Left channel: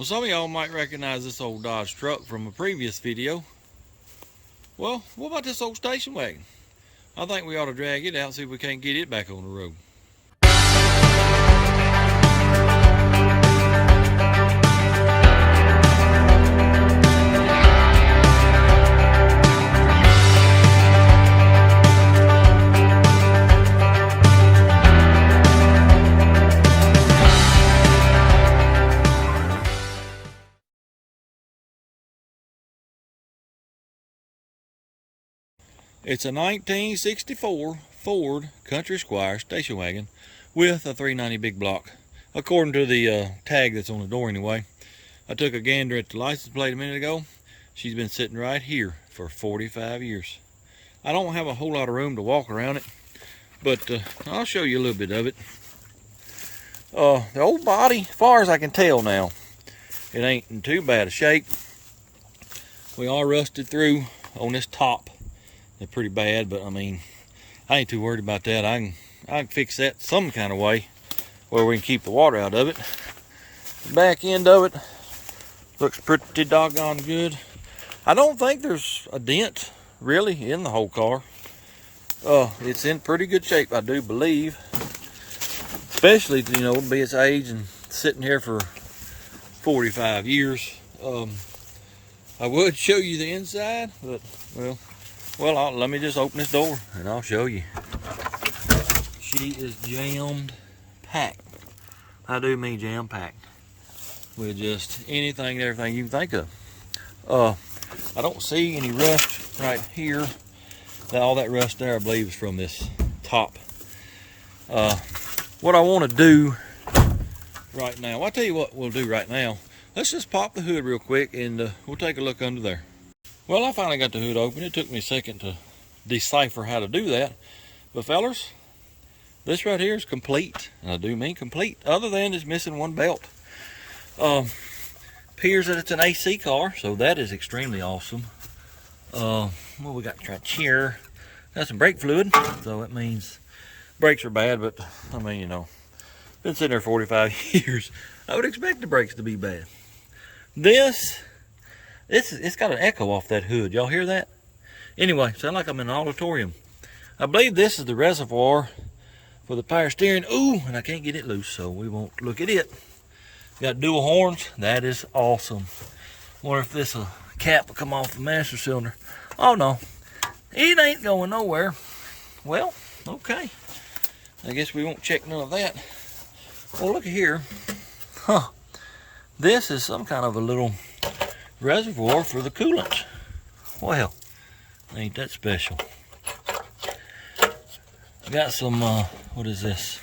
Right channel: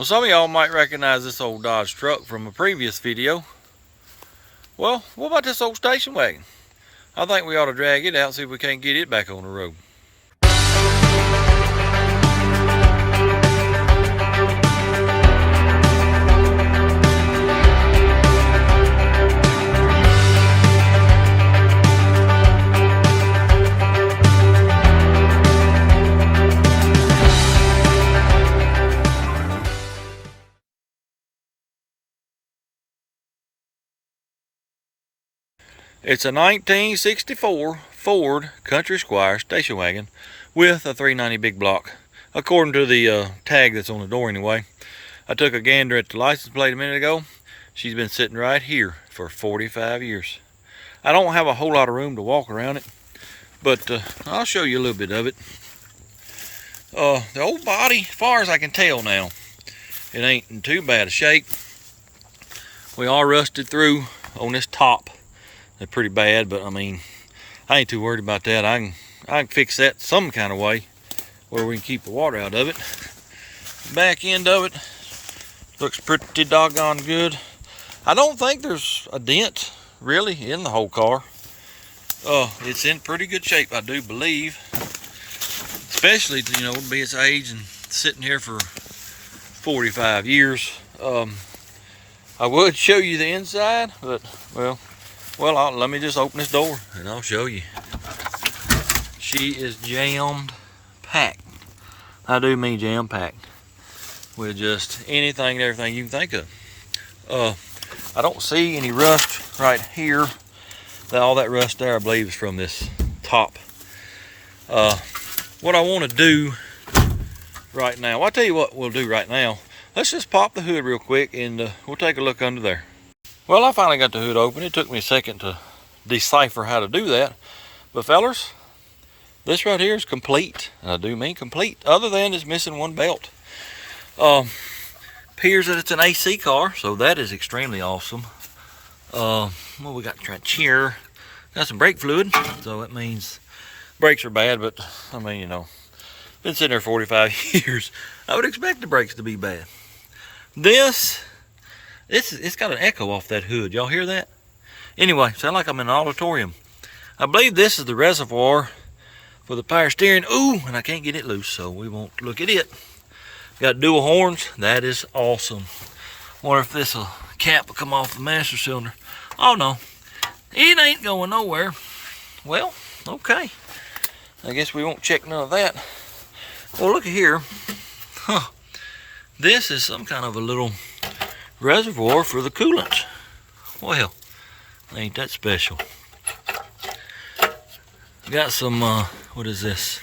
Well, some of y'all might recognize this old Dodge truck from a previous video. Well, what about this old station wagon? I think we ought to drag it out and see if we can't get it back on the road. It's a 1964 Ford Country Squire station wagon with a 390 big block, according to the tag that's on the door anyway. I took a gander at the license plate a minute ago. She's been sitting right here for 45 years. I don't have a whole lot of room to walk around it, but I'll show you a little bit of it. The old body, as far as I can tell now, it ain't in too bad a shape. We are rusted through on this top. They're pretty bad, but I mean, I ain't too worried about that. I can fix that some kind of way where we can keep the water out of it. The back end of it looks pretty doggone good. I don't think there's a dent really in the whole car. It's in pretty good shape, I do believe. Especially, you know, to be its age and sitting here for 45 years. I would show you the inside, but well, let me just open this door and I'll show you. She is jammed packed. I do mean jam packed with just anything and everything you can think of. I don't see any rust right here. All that rust there, I believe, is from this top. What I want to do right now, well, I'll tell you what we'll do right now. Let's just pop the hood real quick and we'll take a look under there. Well, I finally got the hood open. It took me a second to decipher how to do that. But fellers, this right here is complete. And I do mean complete, other than it's missing one belt. Appears that it's an AC car, so that is extremely awesome. Well, we got right here. Got some brake fluid, so that means brakes are bad, but I mean, you know, been sitting there 45 years. I would expect the brakes to be bad. It's got an echo off that hood. Y'all hear that? Anyway, sound like I'm in an auditorium. I believe this is the reservoir for the power steering. Ooh, and I can't get it loose, so we won't look at it. Got dual horns. That is awesome. Wonder if this cap will come off the master cylinder. Oh no, it ain't going nowhere. Well, okay. I guess we won't check none of that. Well, look at here. Huh. This is some kind of a little reservoir for the coolant. Well, ain't that special. Got some, what is this?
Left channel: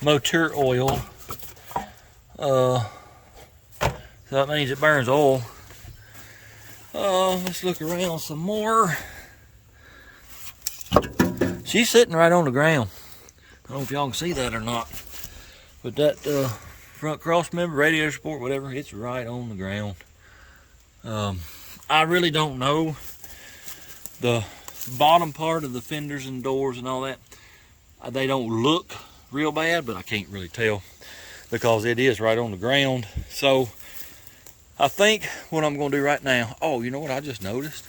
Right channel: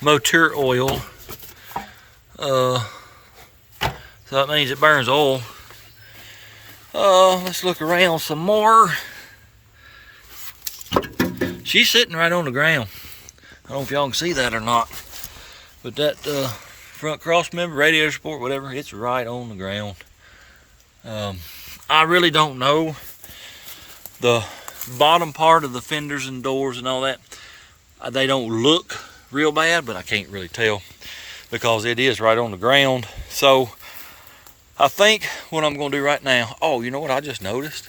Motor oil. So that means it burns oil. Let's look around some more. She's sitting right on the ground. I don't know if y'all can see that or not, but that front cross member, radiator support, whatever, it's right on the ground. I really don't know the bottom part of the fenders and doors and all that. They don't look real bad, but I can't really tell because it is right on the ground. So I think what I'm going to do right now, oh, you know what I just noticed?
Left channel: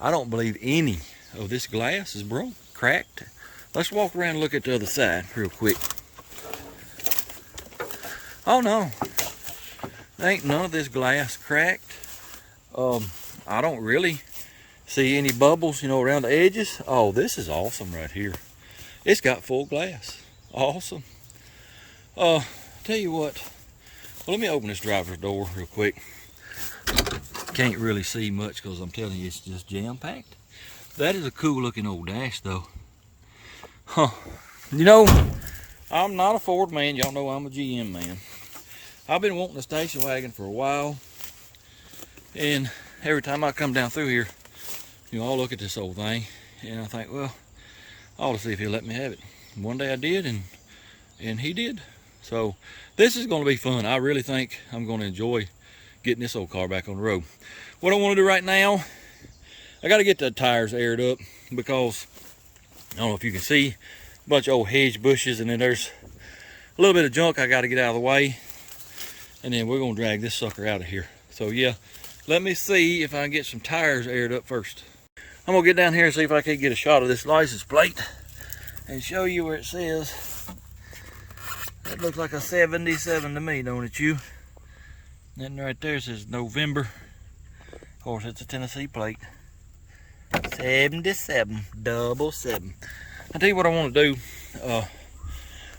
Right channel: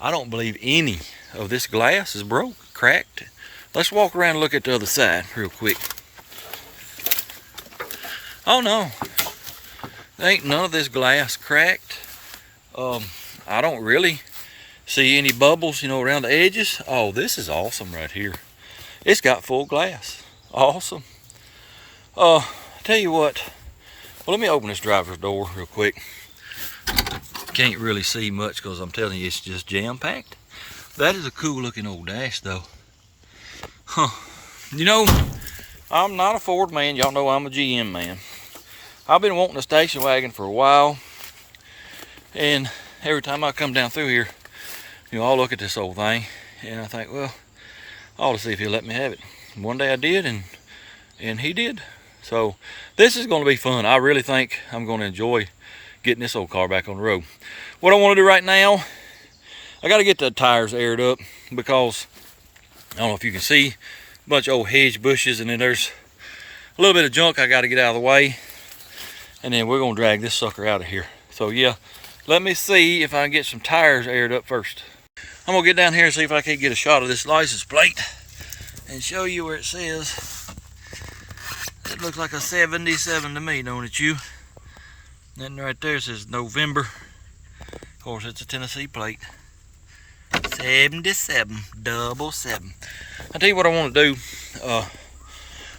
I don't believe any of this glass is broke, cracked. Let's walk around and look at the other side real quick. Oh no, ain't none of this glass cracked. I don't really see any bubbles, you know, around the edges. Oh, this is awesome right here. It's got full glass. Awesome. Tell you what, well, let me open this driver's door real quick. Can't really see much because I'm telling you, it's just jam-packed. That is a cool looking old dash though. Huh. You know, I'm not a Ford man. Y'all know I'm a GM man. I've been wanting a station wagon for a while. And every time I come down through here, you know, I'll look at this old thing and I think, well, I ought to see if he'll let me have it. One day I did, and he did. So this is going to be fun. I really think I'm going to enjoy getting this old car back on the road. What I want to do right now, I got to get the tires aired up because I don't know if you can see a bunch of old hedge bushes, and then there's a little bit of junk I got to get out of the way. and then we're gonna drag this sucker out of here. So yeah, let me see if I can get some tires aired up first. I'm gonna get down here and see if I can get a shot of this license plate and show you where it says. That looks like a 77 to me, don't it, you? Then right there says November. Of course, it's a Tennessee plate. 77, double seven. I'll tell you what I want to do.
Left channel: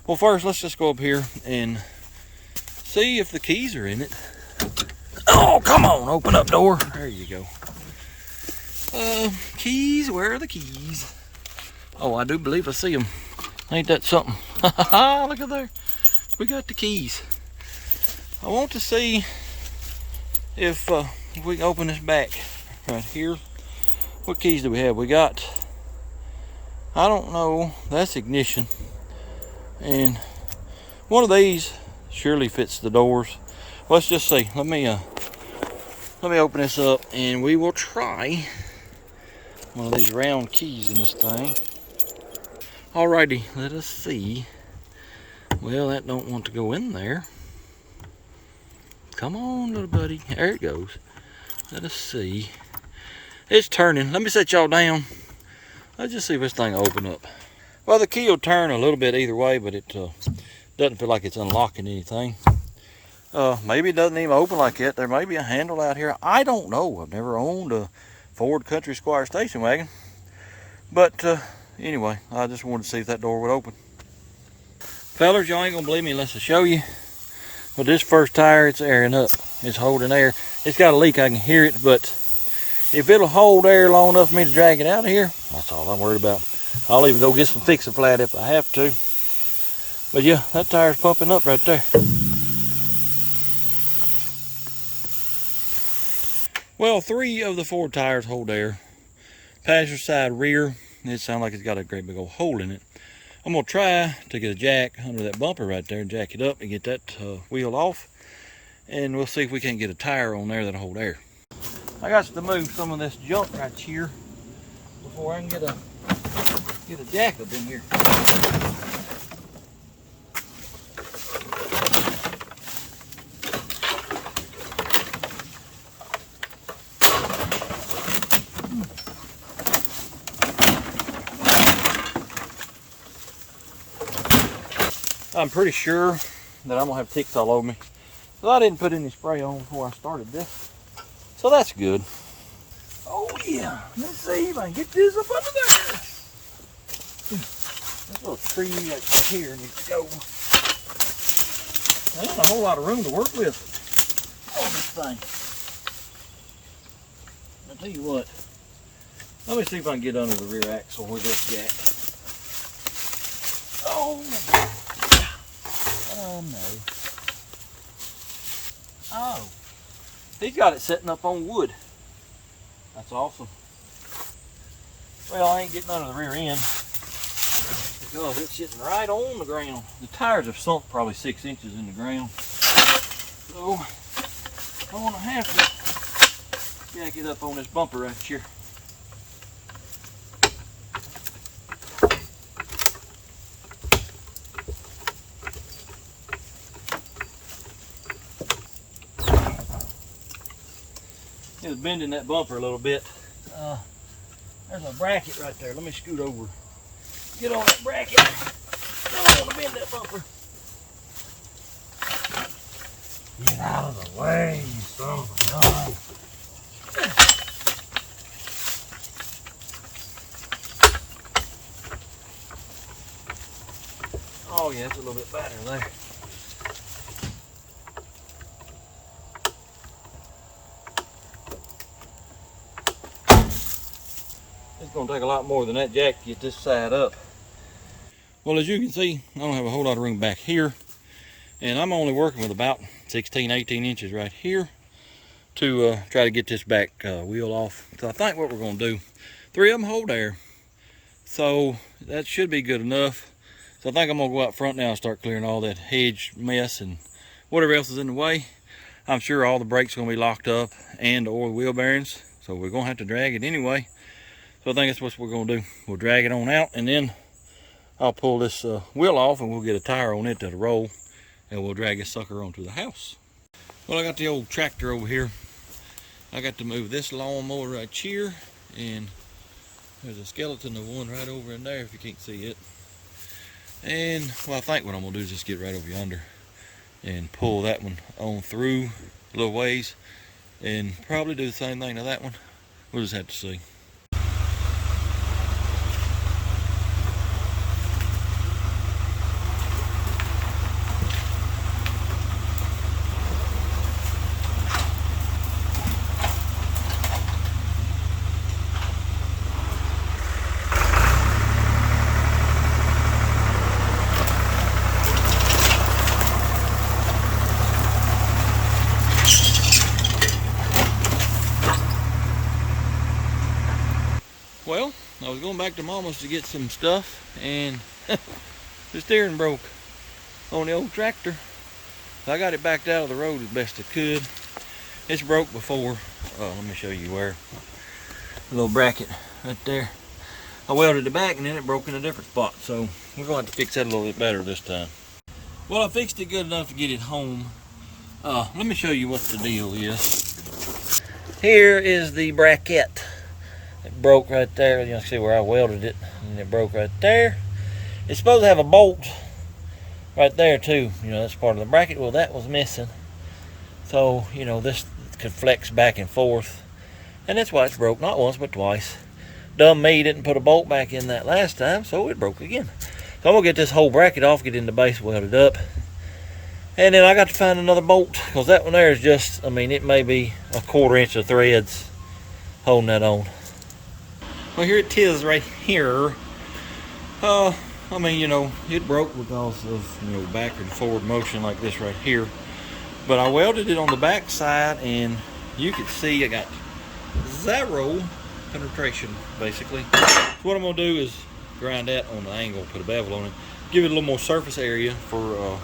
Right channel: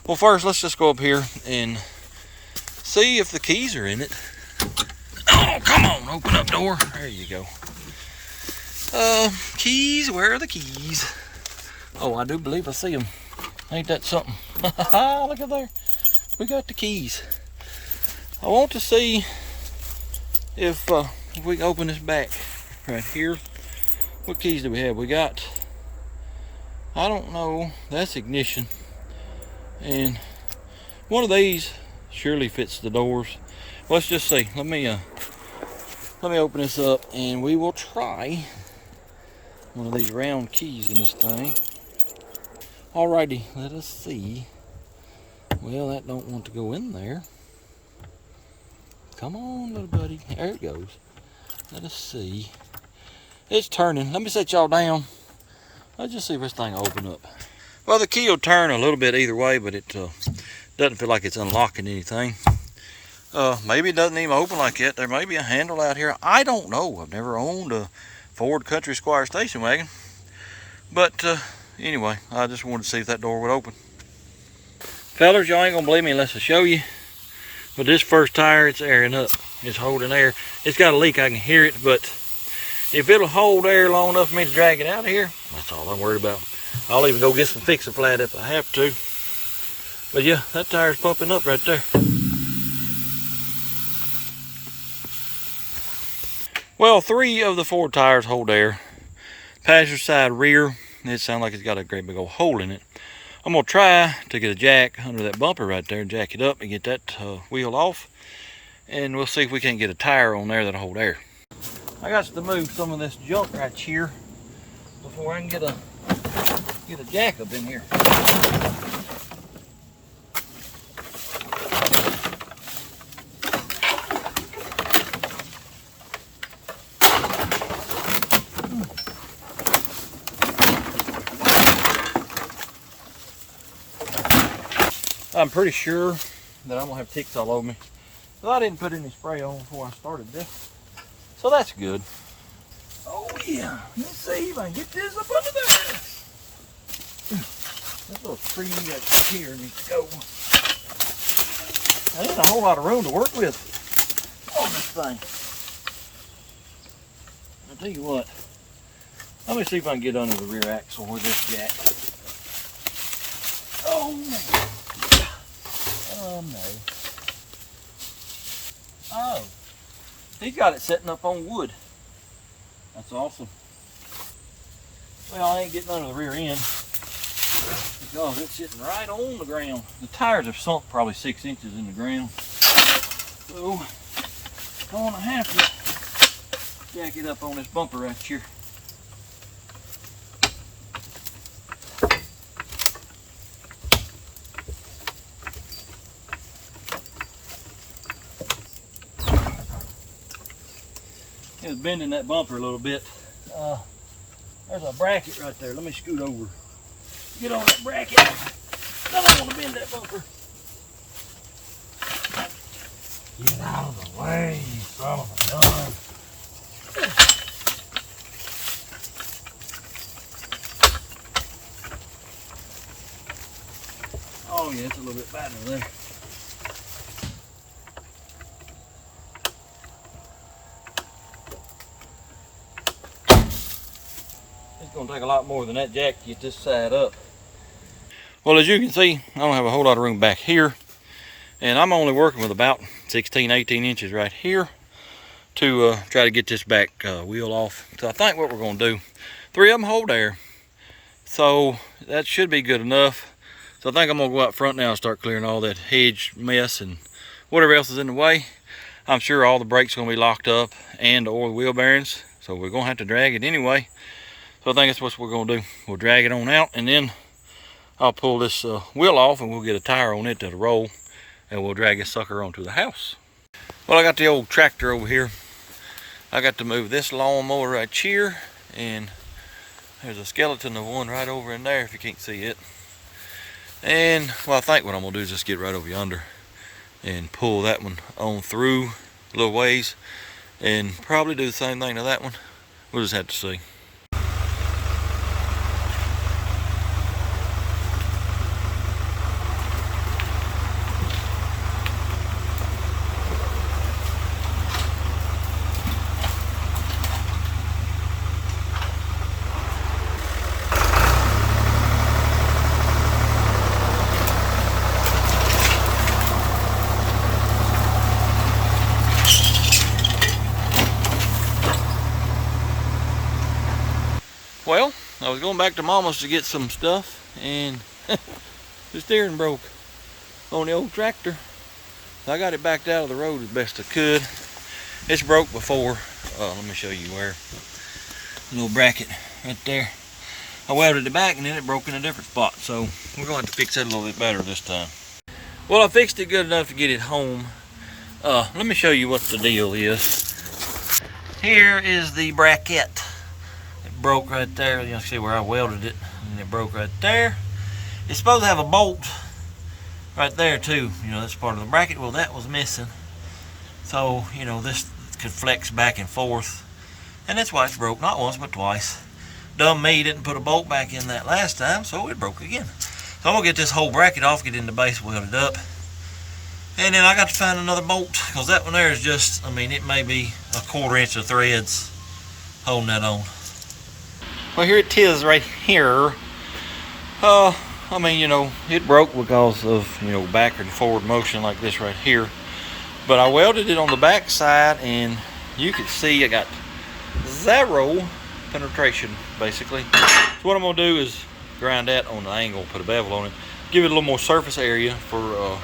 Well, first, let's just go up here and see if the keys are in it. Oh, come on, open up door. There you go. Keys, where are the keys? Oh, I do believe I see them. Ain't that something? Look at there. We got the keys. I want to see if we can open this back right here. What keys do we have? We got, I don't know, that's ignition. And one of these surely fits the doors. Let's just see. Let me open this up and we will try one of these round keys in this thing. Alrighty, let us see. Well, that don't want to go in there. Come on, little buddy. There it goes. Let us see. It's turning. Let me set y'all down. Let's just see if this thing will open up. Well, the key will turn a little bit either way, but it doesn't feel like it's unlocking anything. Maybe it doesn't even open like that. There may be a handle out here. I don't know. I've never owned a Ford Country Squire station wagon. But anyway, I just wanted to see if that door would open. Fellas, y'all ain't gonna believe me unless I show you. With this first tire, it's airing up. It's holding air. It's got a leak, I can hear it, but if it'll hold air long enough for me to drag it out of here, that's all I'm worried about. I'll even go get some Fix-A-Flat if I have to. But yeah, that tire's pumping up right there. Well, 3 of the 4 tires hold air. Passenger side rear, it sounds like it's got a great big old hole in it. I'm gonna try to get a jack under that bumper right there and jack it up and get that wheel off. And we'll see if we can't get a tire on there that'll hold air. I got to move some of this junk right here before I can get a jack up in here. I'm pretty sure that I'm gonna have ticks all over me. Well, I didn't put any spray on before I started this, so that's good. Oh yeah, let's see if I can get this up under there. This little tree right here needs to go. There ain't a whole lot of room to work with on this thing. I'll tell you what, let me see if I can get under the rear axle with this jack. Oh man. Oh no. Oh. He's got it setting up on wood. That's awesome. Well, I ain't getting under the rear end because it's sitting right on the ground. The tires have sunk probably 6 inches in the ground. So I'm gonna have to jack it up on this bumper right here. It's bending that bumper a little bit. There's a bracket right there. Let me scoot over. Get on that bracket. I don't want to bend that bumper. Get out of the way, you son of a gun. Oh yeah, it's a little bit better there. It's going to take a lot more than that jack to get this side up. Well, as you can see, I don't have a whole lot of room back here. And I'm only working with about 16, 18 inches right here to try to get this back wheel off. So I think what we're going to do, 3 of them hold air. So that should be good enough. So I think I'm going to go out front now and start clearing all that hedge mess and whatever else is in the way. I'm sure all the brakes are going to be locked up and or the wheel bearings. So we're going to have to drag it anyway. So I think that's what we're going to do. We'll drag it on out and then I'll pull this wheel off and we'll get a tire on it that'll roll and we'll drag this sucker onto the house. Well, I got the old tractor over here. I got to move this lawnmower right here, and there's a skeleton of one right over in there if you can't see it. And well, I think what I'm gonna do is just get right over yonder and pull that one on through a little ways, and probably do the same thing to that one. We'll just have to see. Well, I was going back to Mama's to get some stuff, and the steering broke on the old tractor. I got it backed out of the road as best I could. It's broke before. Let me show you where. A little bracket right there. I welded it back and then it broke in a different spot, so we're going to have to fix that a little bit better this time. Well, I fixed it good enough to get it home. Let me show you what the deal is. Here is the bracket. It broke right there. You can see where I welded it, and it broke right there. It's supposed to have a bolt right there too. You know, that's part of the bracket. Well, that was missing. So, you know, this could flex back and forth. And that's why it's broke, not once, but twice. Dumb me didn't put a bolt back in that last time, so it broke again. So I'm gonna get this whole bracket off, get in the base welded up. And then I got to find another bolt, because that one there is just, I mean, it may be a 1/4 inch of threads holding that on. Well, here it is right here. I mean, you know, it broke because of, you know, backward and forward motion like this right here. But I welded it on the back side, and you can see I got 0 penetration, basically. So what I'm gonna do is grind that on the angle, put a bevel on it, give it a little more surface area for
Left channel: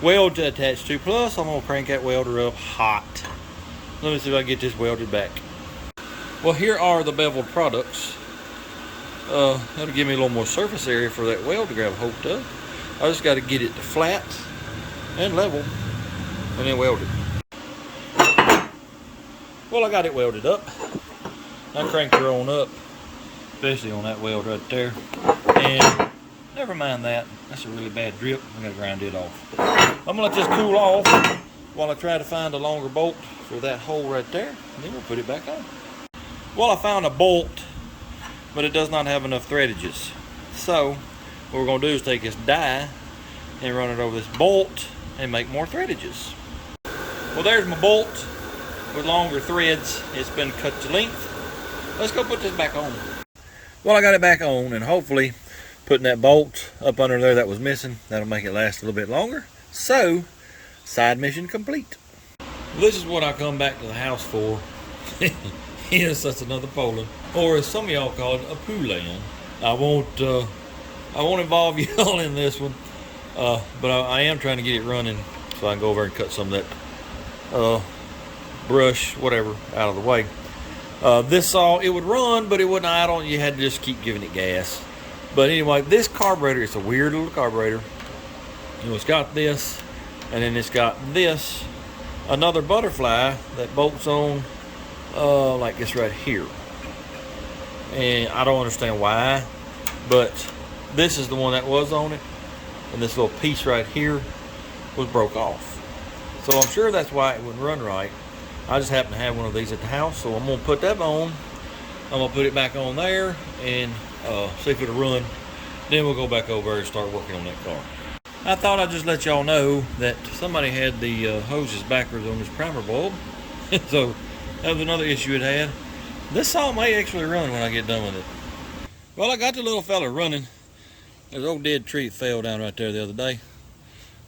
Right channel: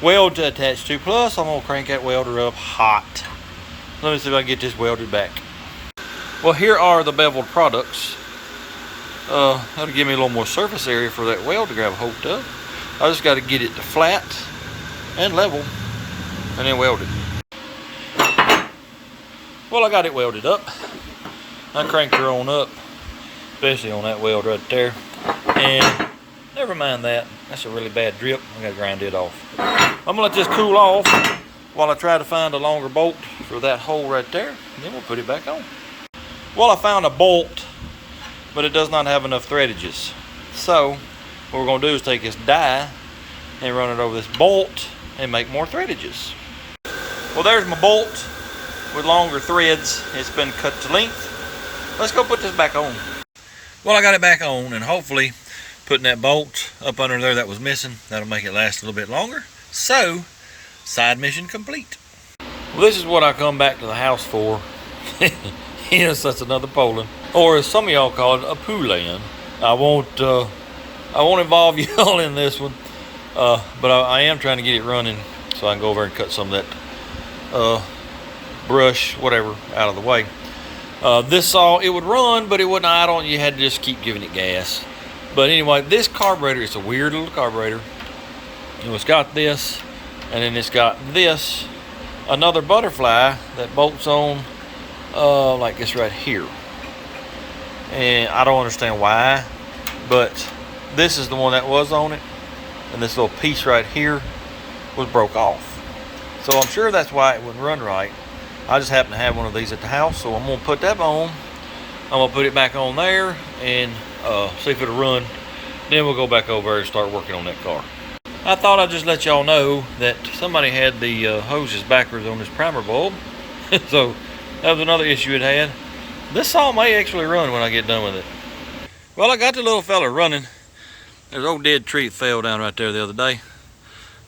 weld to attach to. Plus, I'm gonna crank that welder up hot. Let me see if I can get this welded back. Well, here are the beveled products. That'll give me a little more surface area for that weld to grab a hold of. I just got to get it to flat and level, and then weld it. Well, I got it welded up. I cranked her on up, especially on that weld right there. And never mind that. That's a really bad drip. I got to grind it off. I'm gonna let this cool off while I try to find a longer bolt for that hole right there. And then we'll put it back on. Well, I found a bolt, but it does not have enough threadages. So what we're going to do is take this die and run it over this bolt and make more threadages. Well, there's my bolt with longer threads. It's been cut to length. Let's go put this back on. Well, I got it back on, and hopefully putting that bolt up under there that was missing, that'll make it last a little bit longer. So, side mission complete. Well, this is what I come back to the house for. Yes, that's another Poland, or as some of y'all call it, a Poulan. I won't involve y'all in this one, but I am trying to get it running so I can go over and cut some of that brush, whatever, out of the way. This saw, it would run, but it wouldn't idle. You had to just keep giving it gas. But anyway, this carburetor, it's a weird little carburetor. You know, it's got this, and then it's got this, another butterfly that bolts on like this right here. And I don't understand why, but this is the one that was on it, and this little piece right here was broke off. So I'm sure that's why it wouldn't run right. I just happen to have one of these at the house, so I'm gonna put that on. I'm gonna put it back on there and see if it'll run. Then we'll go back over and start working on that car. I thought I'd just let y'all know that somebody had the hoses backwards on this primer bulb. So that was another issue it had. This saw may actually run when I get done with it. Well, I got the little fella running. There's an old dead tree that fell down right there the other day.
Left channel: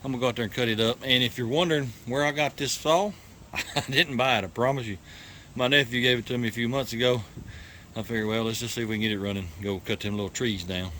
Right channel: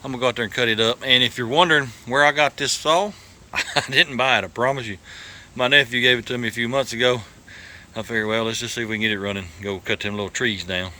I'm gonna go out there and cut it up. And if you're wondering where I got this saw, I didn't buy it, I promise you. My nephew gave it to me a few months ago. I figured, well, let's just see if we can get it running. Go cut them little trees down.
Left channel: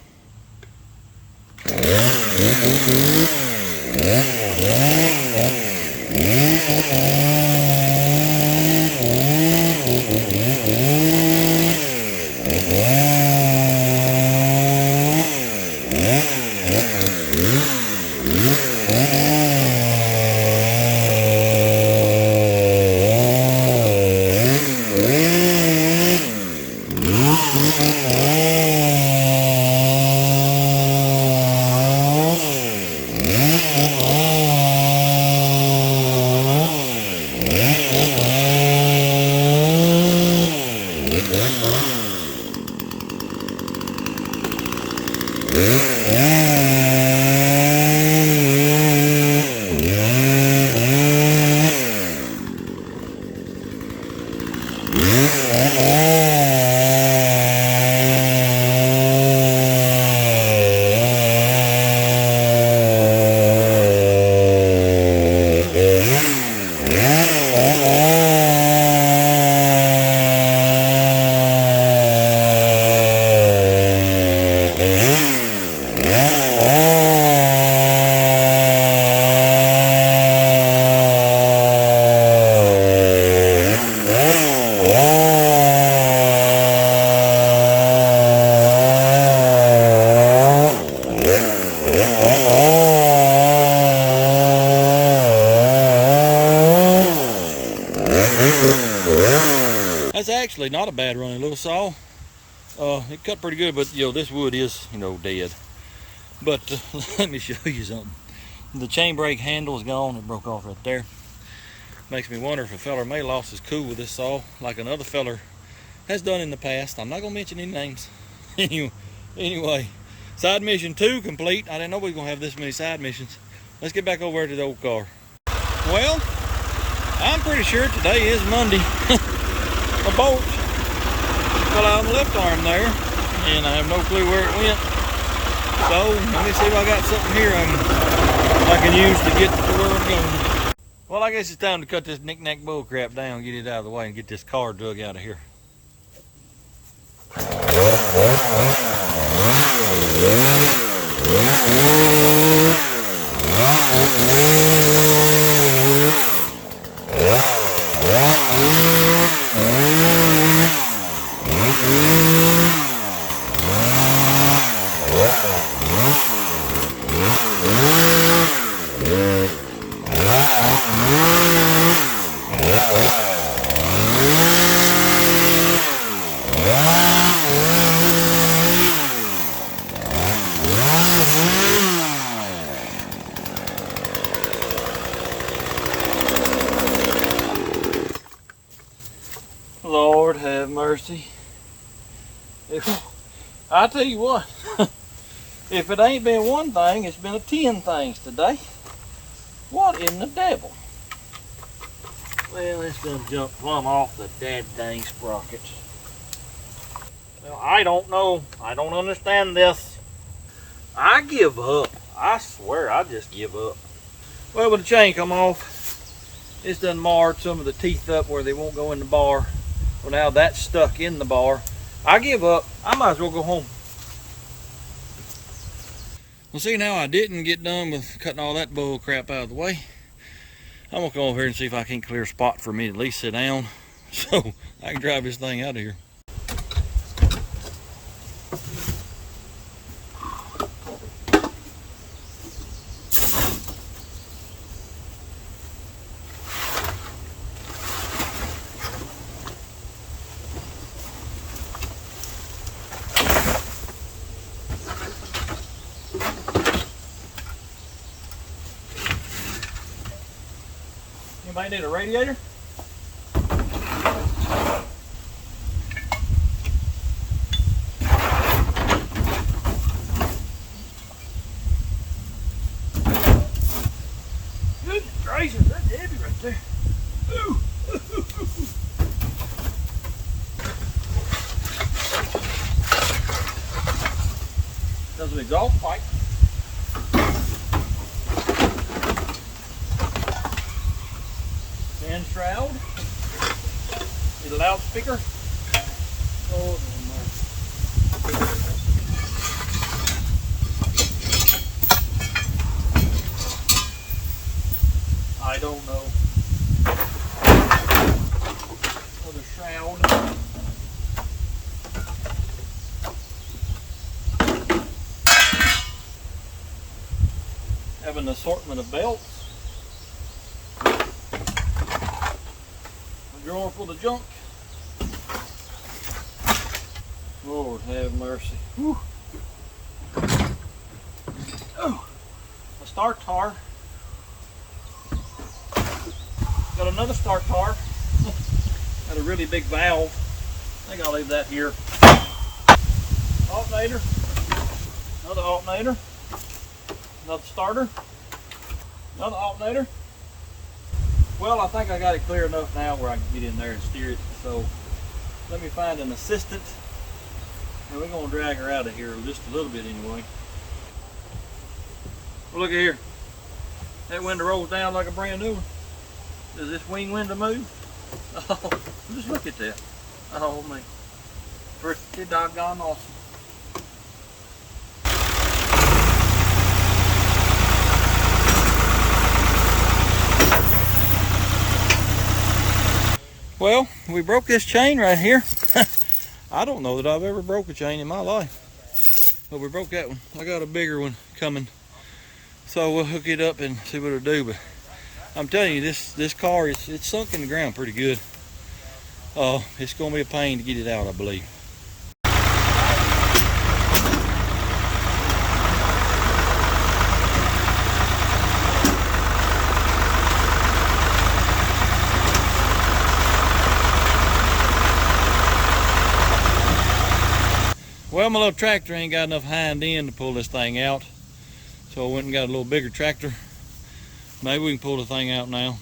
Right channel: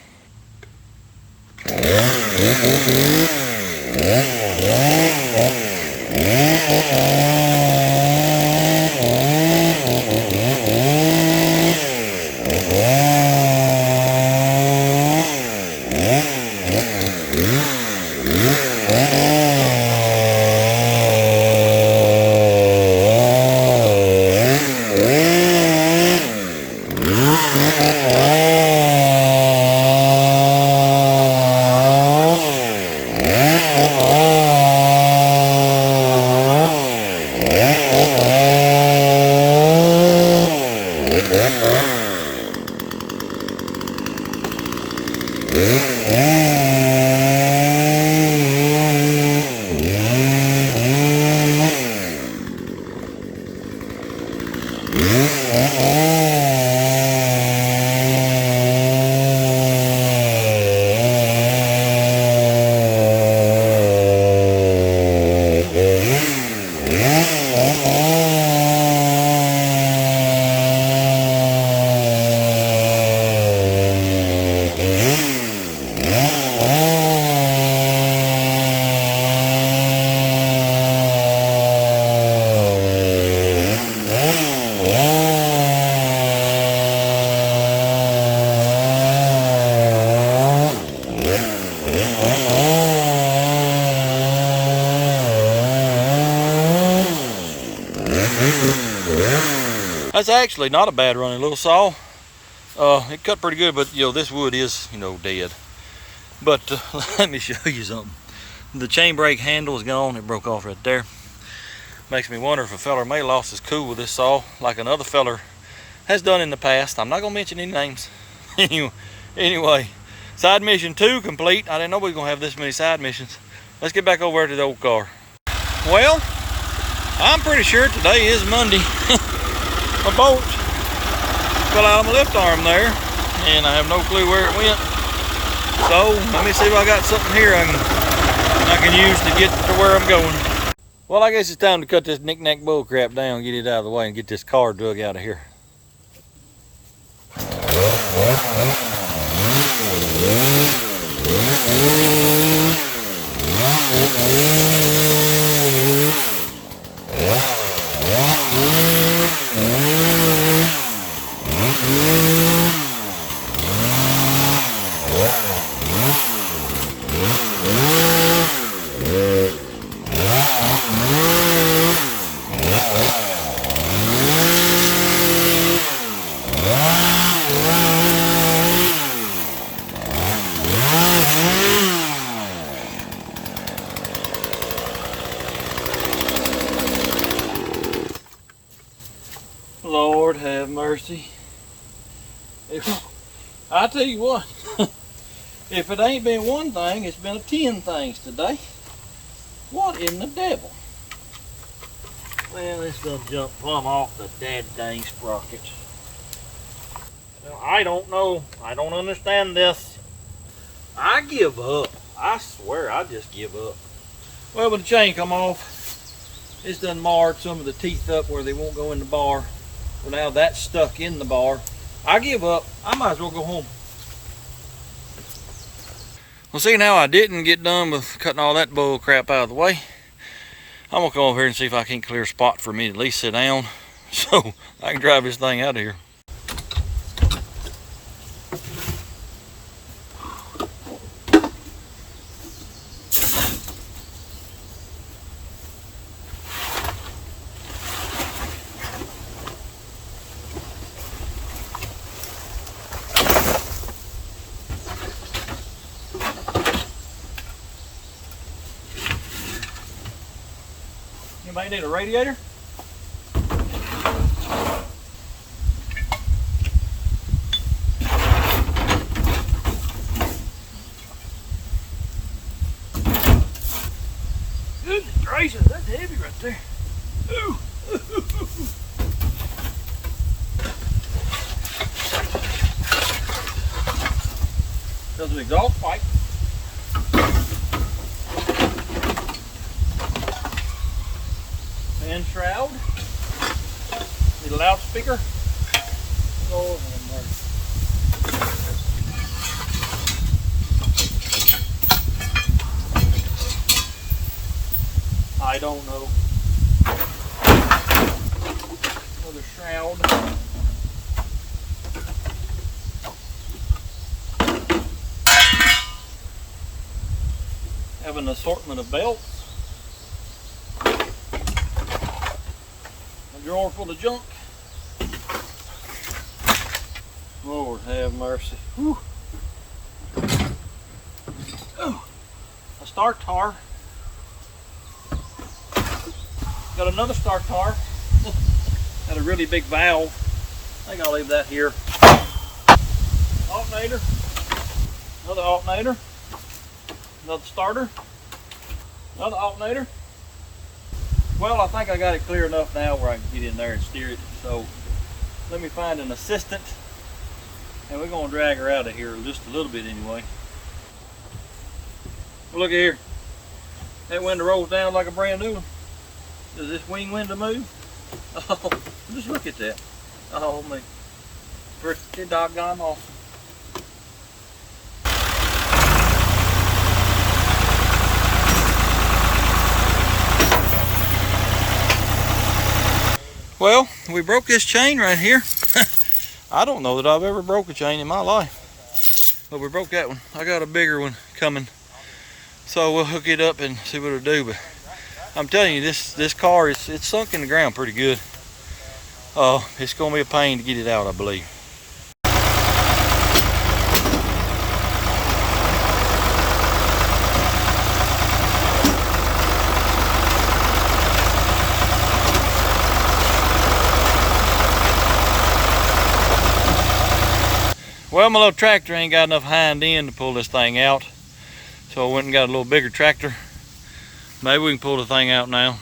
That's actually not a bad running little saw. It cut pretty good, but this wood is dead. But let me show you something. The chain brake handle is gone. It broke off right there. Makes me wonder if a feller may have lost his cool with this saw, like another feller has done in the past. I'm not gonna mention any names. Anyway, side mission 2 complete. I didn't know we was gonna have this many side missions. Let's get back over to the old car. Well, I'm pretty sure today is Monday. My bolt fell out of my left arm there, and I have no clue where it went. So let me see if I got something here I can use to get to where I'm going. Well, I guess it's time to cut this knick-knack bull crap down, get it out of the way, and get this car drug out of here. Lord have mercy. I tell you what, if it ain't been one thing, it's been 10 things today. What in the devil? Well, it's gonna jump plumb off the dang sprocket. Well, I don't know. I don't understand this. I give up. I swear, I just give up. Well, when the chain come off, it's done marred some of the teeth up where they won't go in the bar. Well, now that's stuck in the bar. I give up. I might as well go home. Well, see, now I didn't get done with cutting all that bull crap out of the way. I'm gonna come over here and see if I can clear a spot for me to at least sit down so I can drive this thing out of here. Anybody need a radiator? Goodness gracious, that's heavy right there. Ooh. There's an exhaust pipe. Fan shroud. Need a loudspeaker. Lord have mercy. I don't know. Another shroud. Have an assortment of belts. A drawer full of junk. Lord have mercy. Whew. Oh, a start tar. Got another start tar. Got a really big valve. I think I'll leave that here. Alternator. Another alternator. Another starter. Another alternator. Well, I think I got it clear enough now where I can get in there and steer it. So let me find an assistant. And we're going to drag her out of here just a little bit anyway. Well, look at here. That window rolls down like a brand new one. Does this wing window move? Oh, just look at that. Oh, man. Pretty doggone awesome. Well, we broke this chain right here. I don't know that I've ever broke a chain in my life, but we broke that one. I got a bigger one coming, so we'll hook it up and see what it'll do. But I'm telling you, this car it's sunk in the ground pretty good. It's gonna be a pain to get it out, I believe. Well, my little tractor ain't got enough hind end to pull this thing out, so I went and got a little bigger tractor. Maybe we can pull the thing out now.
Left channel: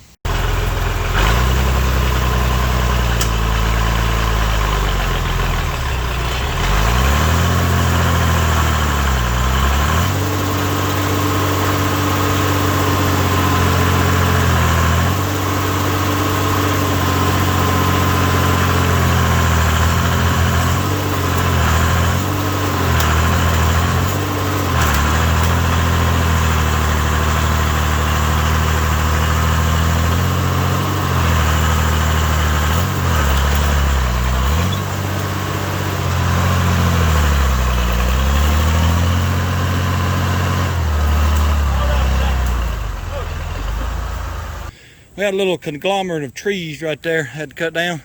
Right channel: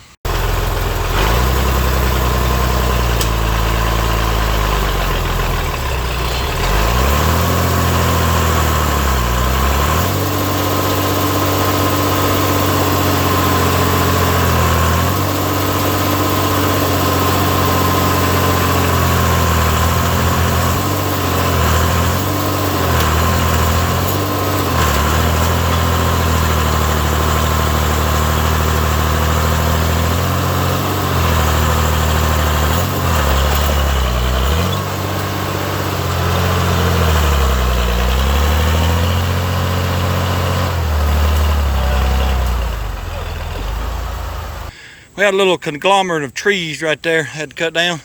We had a little conglomerate of trees right there, had to cut down.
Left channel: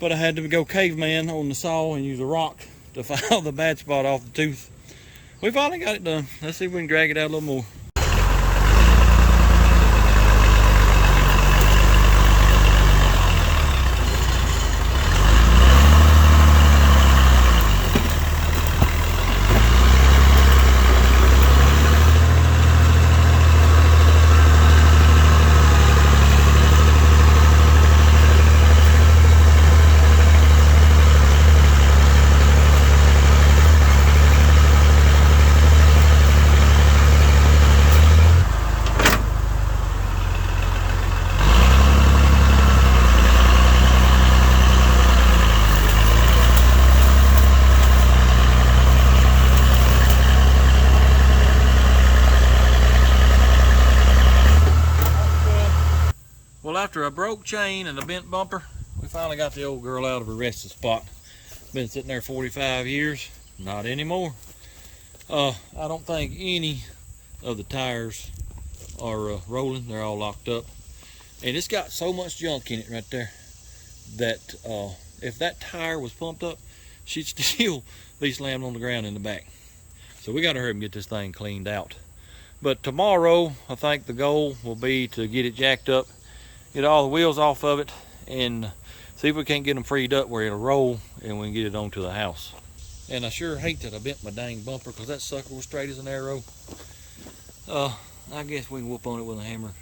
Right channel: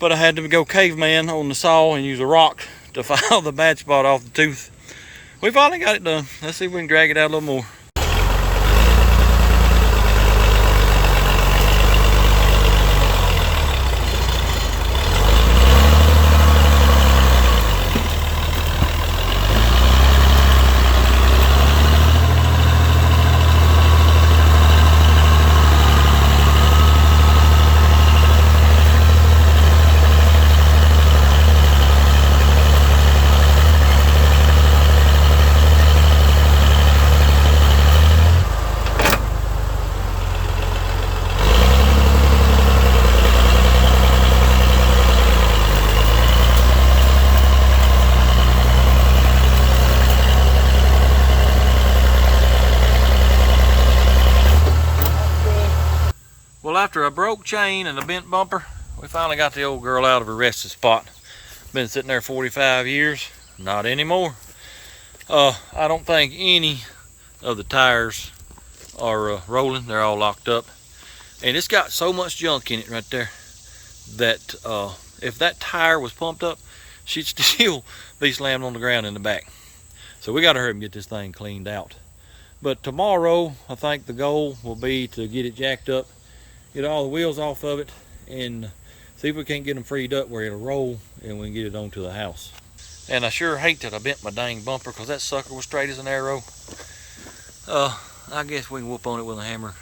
But I had to go caveman on the saw and use a rock to file the bad spot off the tooth. We finally got it done. Let's see if we can drag it out a little more. Well, after a broke chain and a bent bumper, we finally got the old girl out of her resting spot. Been sitting there 45 years, not anymore. I don't think any of the tires are rolling. They're all locked up. And it's got so much junk in it right there that if that tire was pumped up, she'd still be slammed on the ground in the back. So we gotta hurry and get this thing cleaned out. But tomorrow, I think the goal will be to get it jacked up, get all the wheels off of it, and see if we can't get them freed up where it'll roll and we can get it onto the house. And I sure hate that I bent my dang bumper, because that sucker was straight as an arrow. I guess we can whoop on it with a hammer,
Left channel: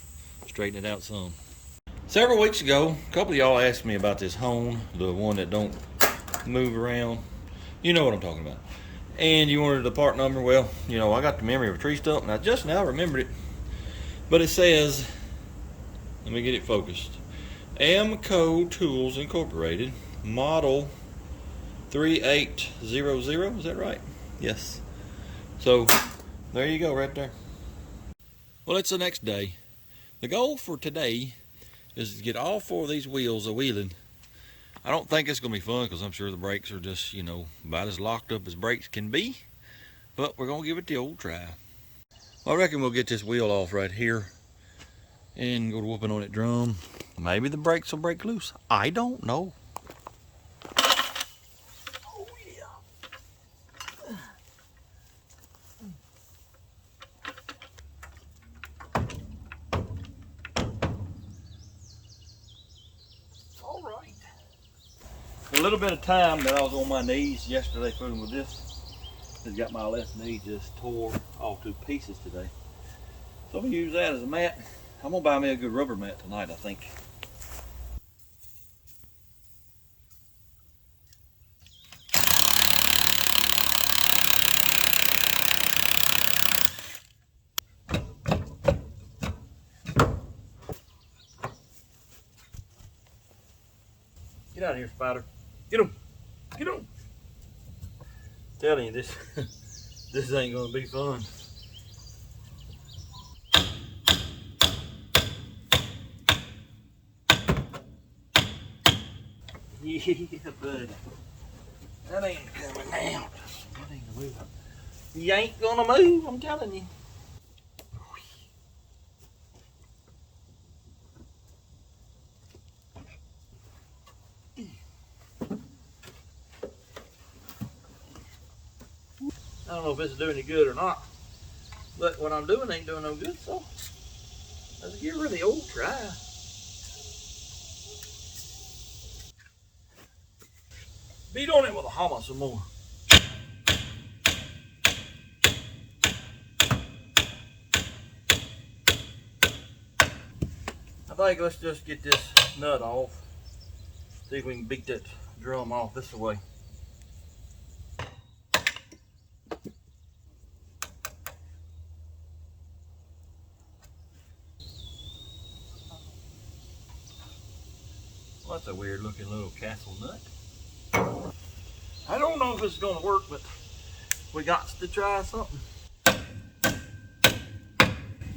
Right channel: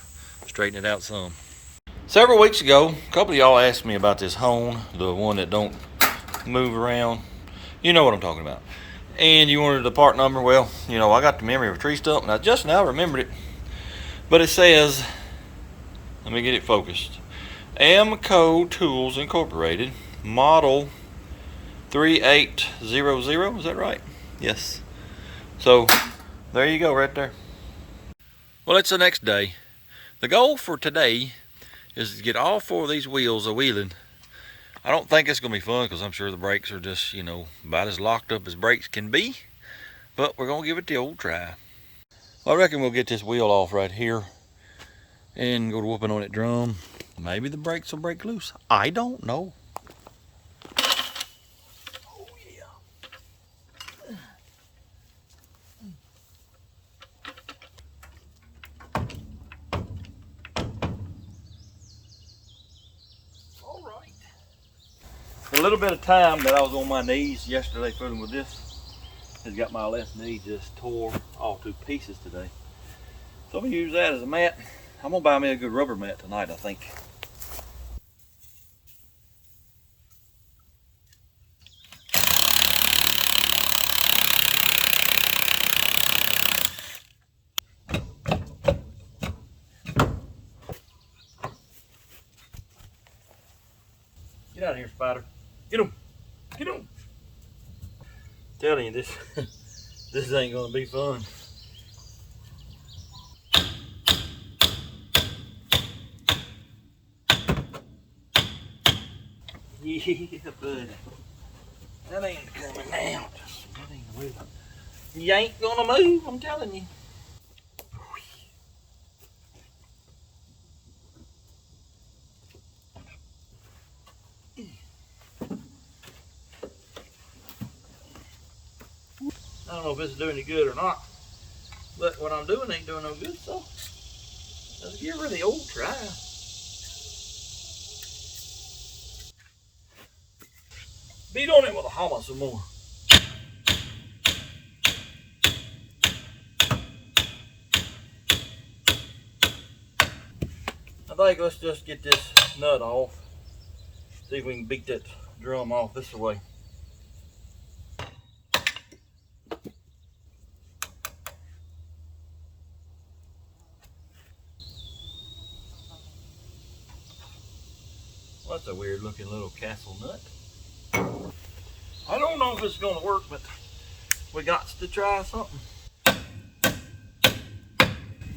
straighten it out some. Several weeks ago, a couple of y'all asked me about this hone, the one that don't move around. You know what I'm talking about. And you wanted the part number. Well, you know, I got the memory of a tree stump, and I just now remembered it. But it says, let me get it focused. Amco Tools Incorporated, model 3800. Is that right? Yes. So there you go, right there. Well, it's the next day. The goal for today is to get all four of these wheels a-wheeling. I don't think it's gonna be fun, because I'm sure the brakes are just, you know, about as locked up as brakes can be. But we're gonna give it the old try. Well, I reckon we'll get this wheel off right here and go to whooping on that drum. Maybe the brakes will break loose. I don't know. Oh yeah. All right. The little bit of time that I was on my knees yesterday fiddling with this has got my left knee just tore all to pieces today. So I'm gonna use that as a mat. I'm gonna buy me a good rubber mat tonight, I think. Get out of here, Spider. Get him. Get him. Telling you, this this ain't gonna be fun. Yeah, buddy. That ain't coming out. That ain't moving. You ain't gonna move, I'm telling you. don't know if this is doing any good or not, but what I'm doing ain't doing no good, so let's give her the old try. Beat on it with a hammer some more. I think let's just get this nut off. See if we can beat that drum off this way. Well, that's a weird looking little castle nut. I don't know if it's gonna work, but we got to try something.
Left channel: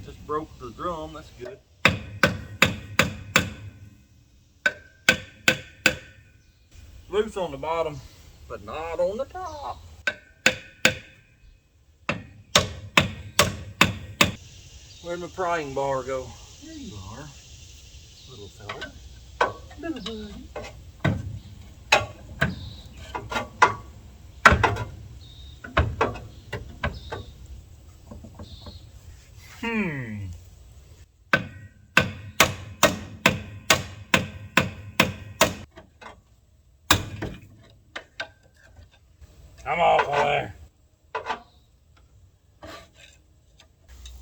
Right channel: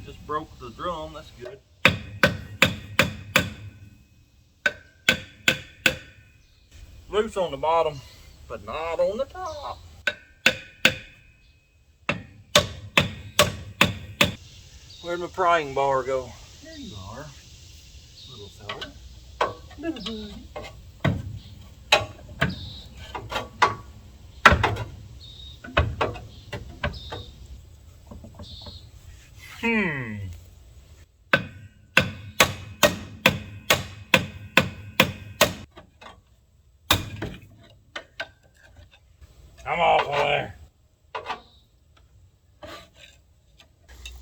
Just broke the drum, that's good. Loose on the bottom, but not on the top. Where'd my prying bar go? There you are, little fella. Little buddy. Come off of there.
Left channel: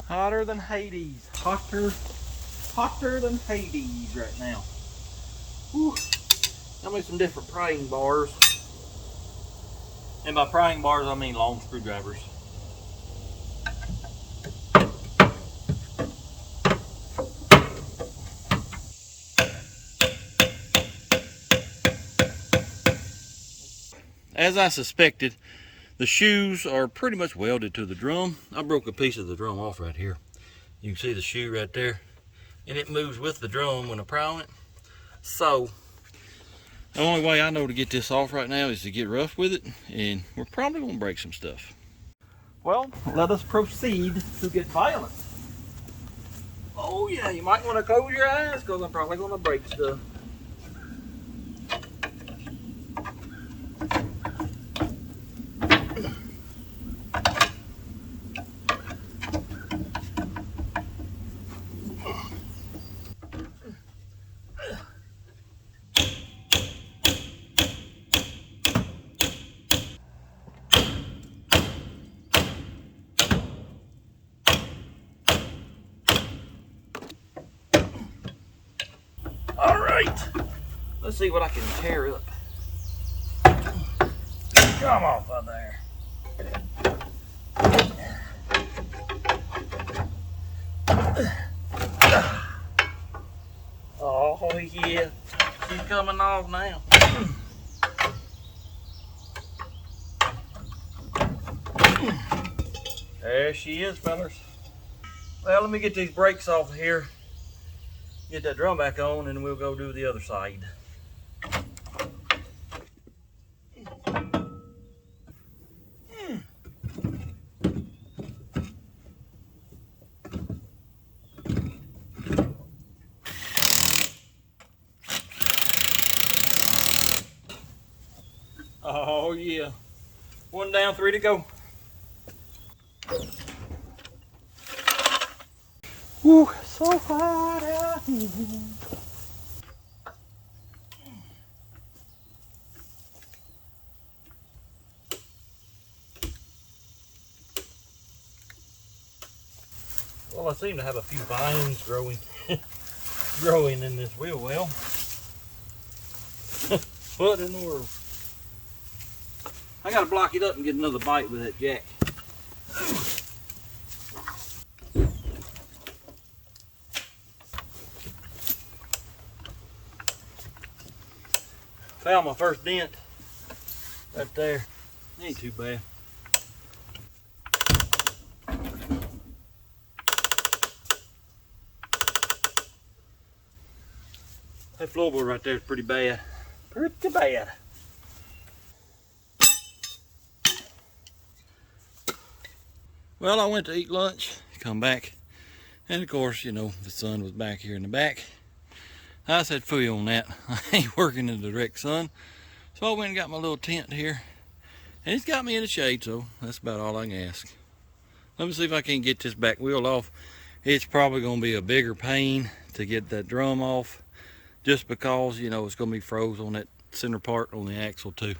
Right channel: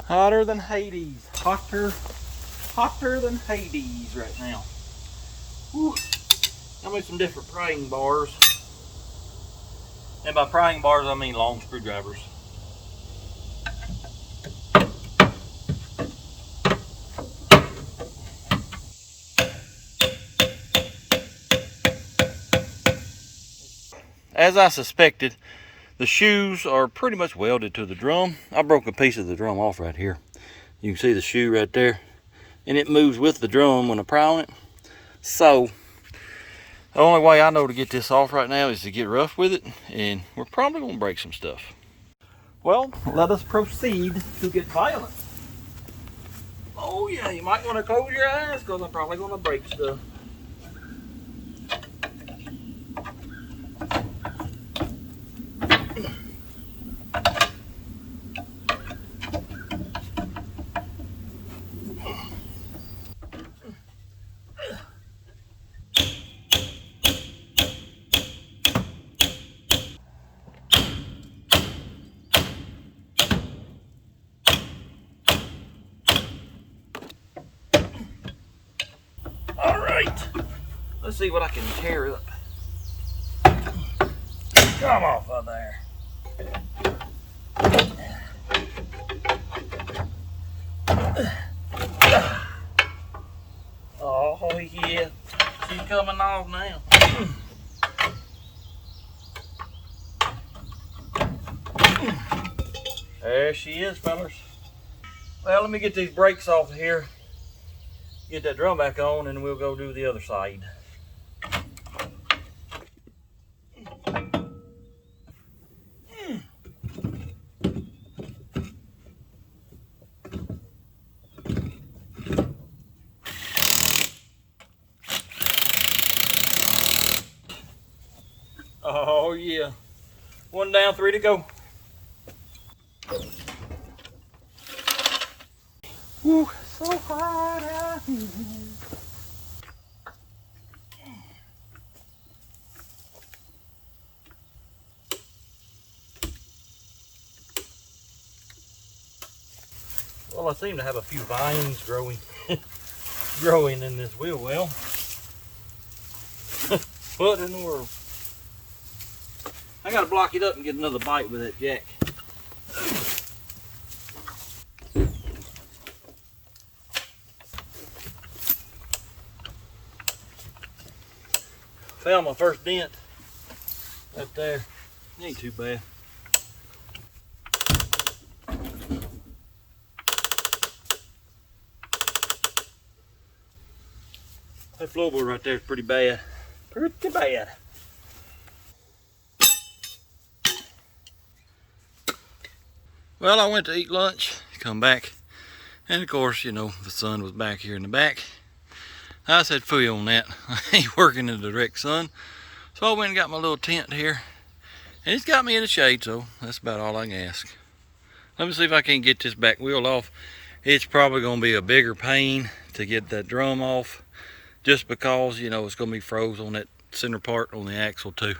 Hotter than Hades. Hotter than Hades right now. Whew. Got me some different prying bars. And by prying bars, I mean long screwdrivers. As I suspected, the shoes are pretty much welded to the drum. I broke a piece of the drum off right here. You can see the shoe right there. And it moves with the drum when I pry on it. So, the only way I know to get this off right now is to get rough with it. And we're probably going to break some stuff. Well, let us proceed to get violent. Oh yeah, you might want to close your eyes because I'm probably going to break stuff. Let's see what I can tear up. Come off of there. Oh yeah, she's coming off now. There she is, fellas. Well, let me get these brakes off of here. Get that drum back on and we'll go do the other side. Oh yeah. One down, 3 to go. Whew, so hot out here. Well, I seem to have a few vines growing growing in this wheel well. What in the world? I gotta block it up and get another bite with that jack. Found my first dent right there. Ain't too bad. That floorboard right there is pretty bad. Pretty bad. Well, I went to eat lunch, come back, and of course, you know, the sun was back here in the back. I said, phooey on that. I ain't working in the direct sun. So I went and got my little tent here And it's got me in the shade, so that's about all I can ask. Let me see if I can get this back wheel off. It's probably gonna be a bigger pain to get that drum off, just because, you know, it's gonna be froze on that center part on the axle too.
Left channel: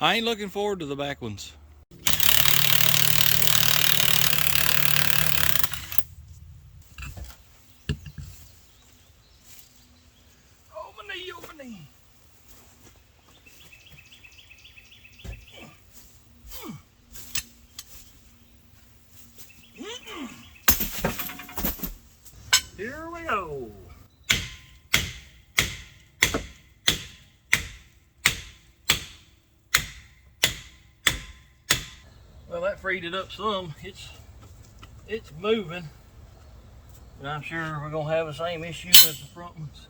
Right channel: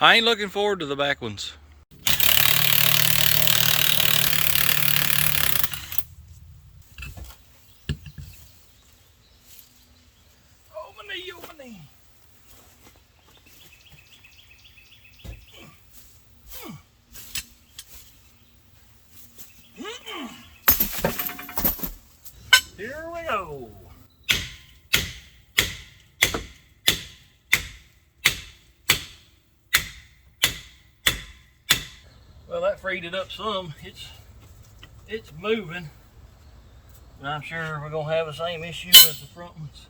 I ain't looking forward to the back ones. Oh, my knee, oh, my knee. Here we go. Well, that freed it up some. It's moving, but I'm sure we're gonna have the same issue as the front ones.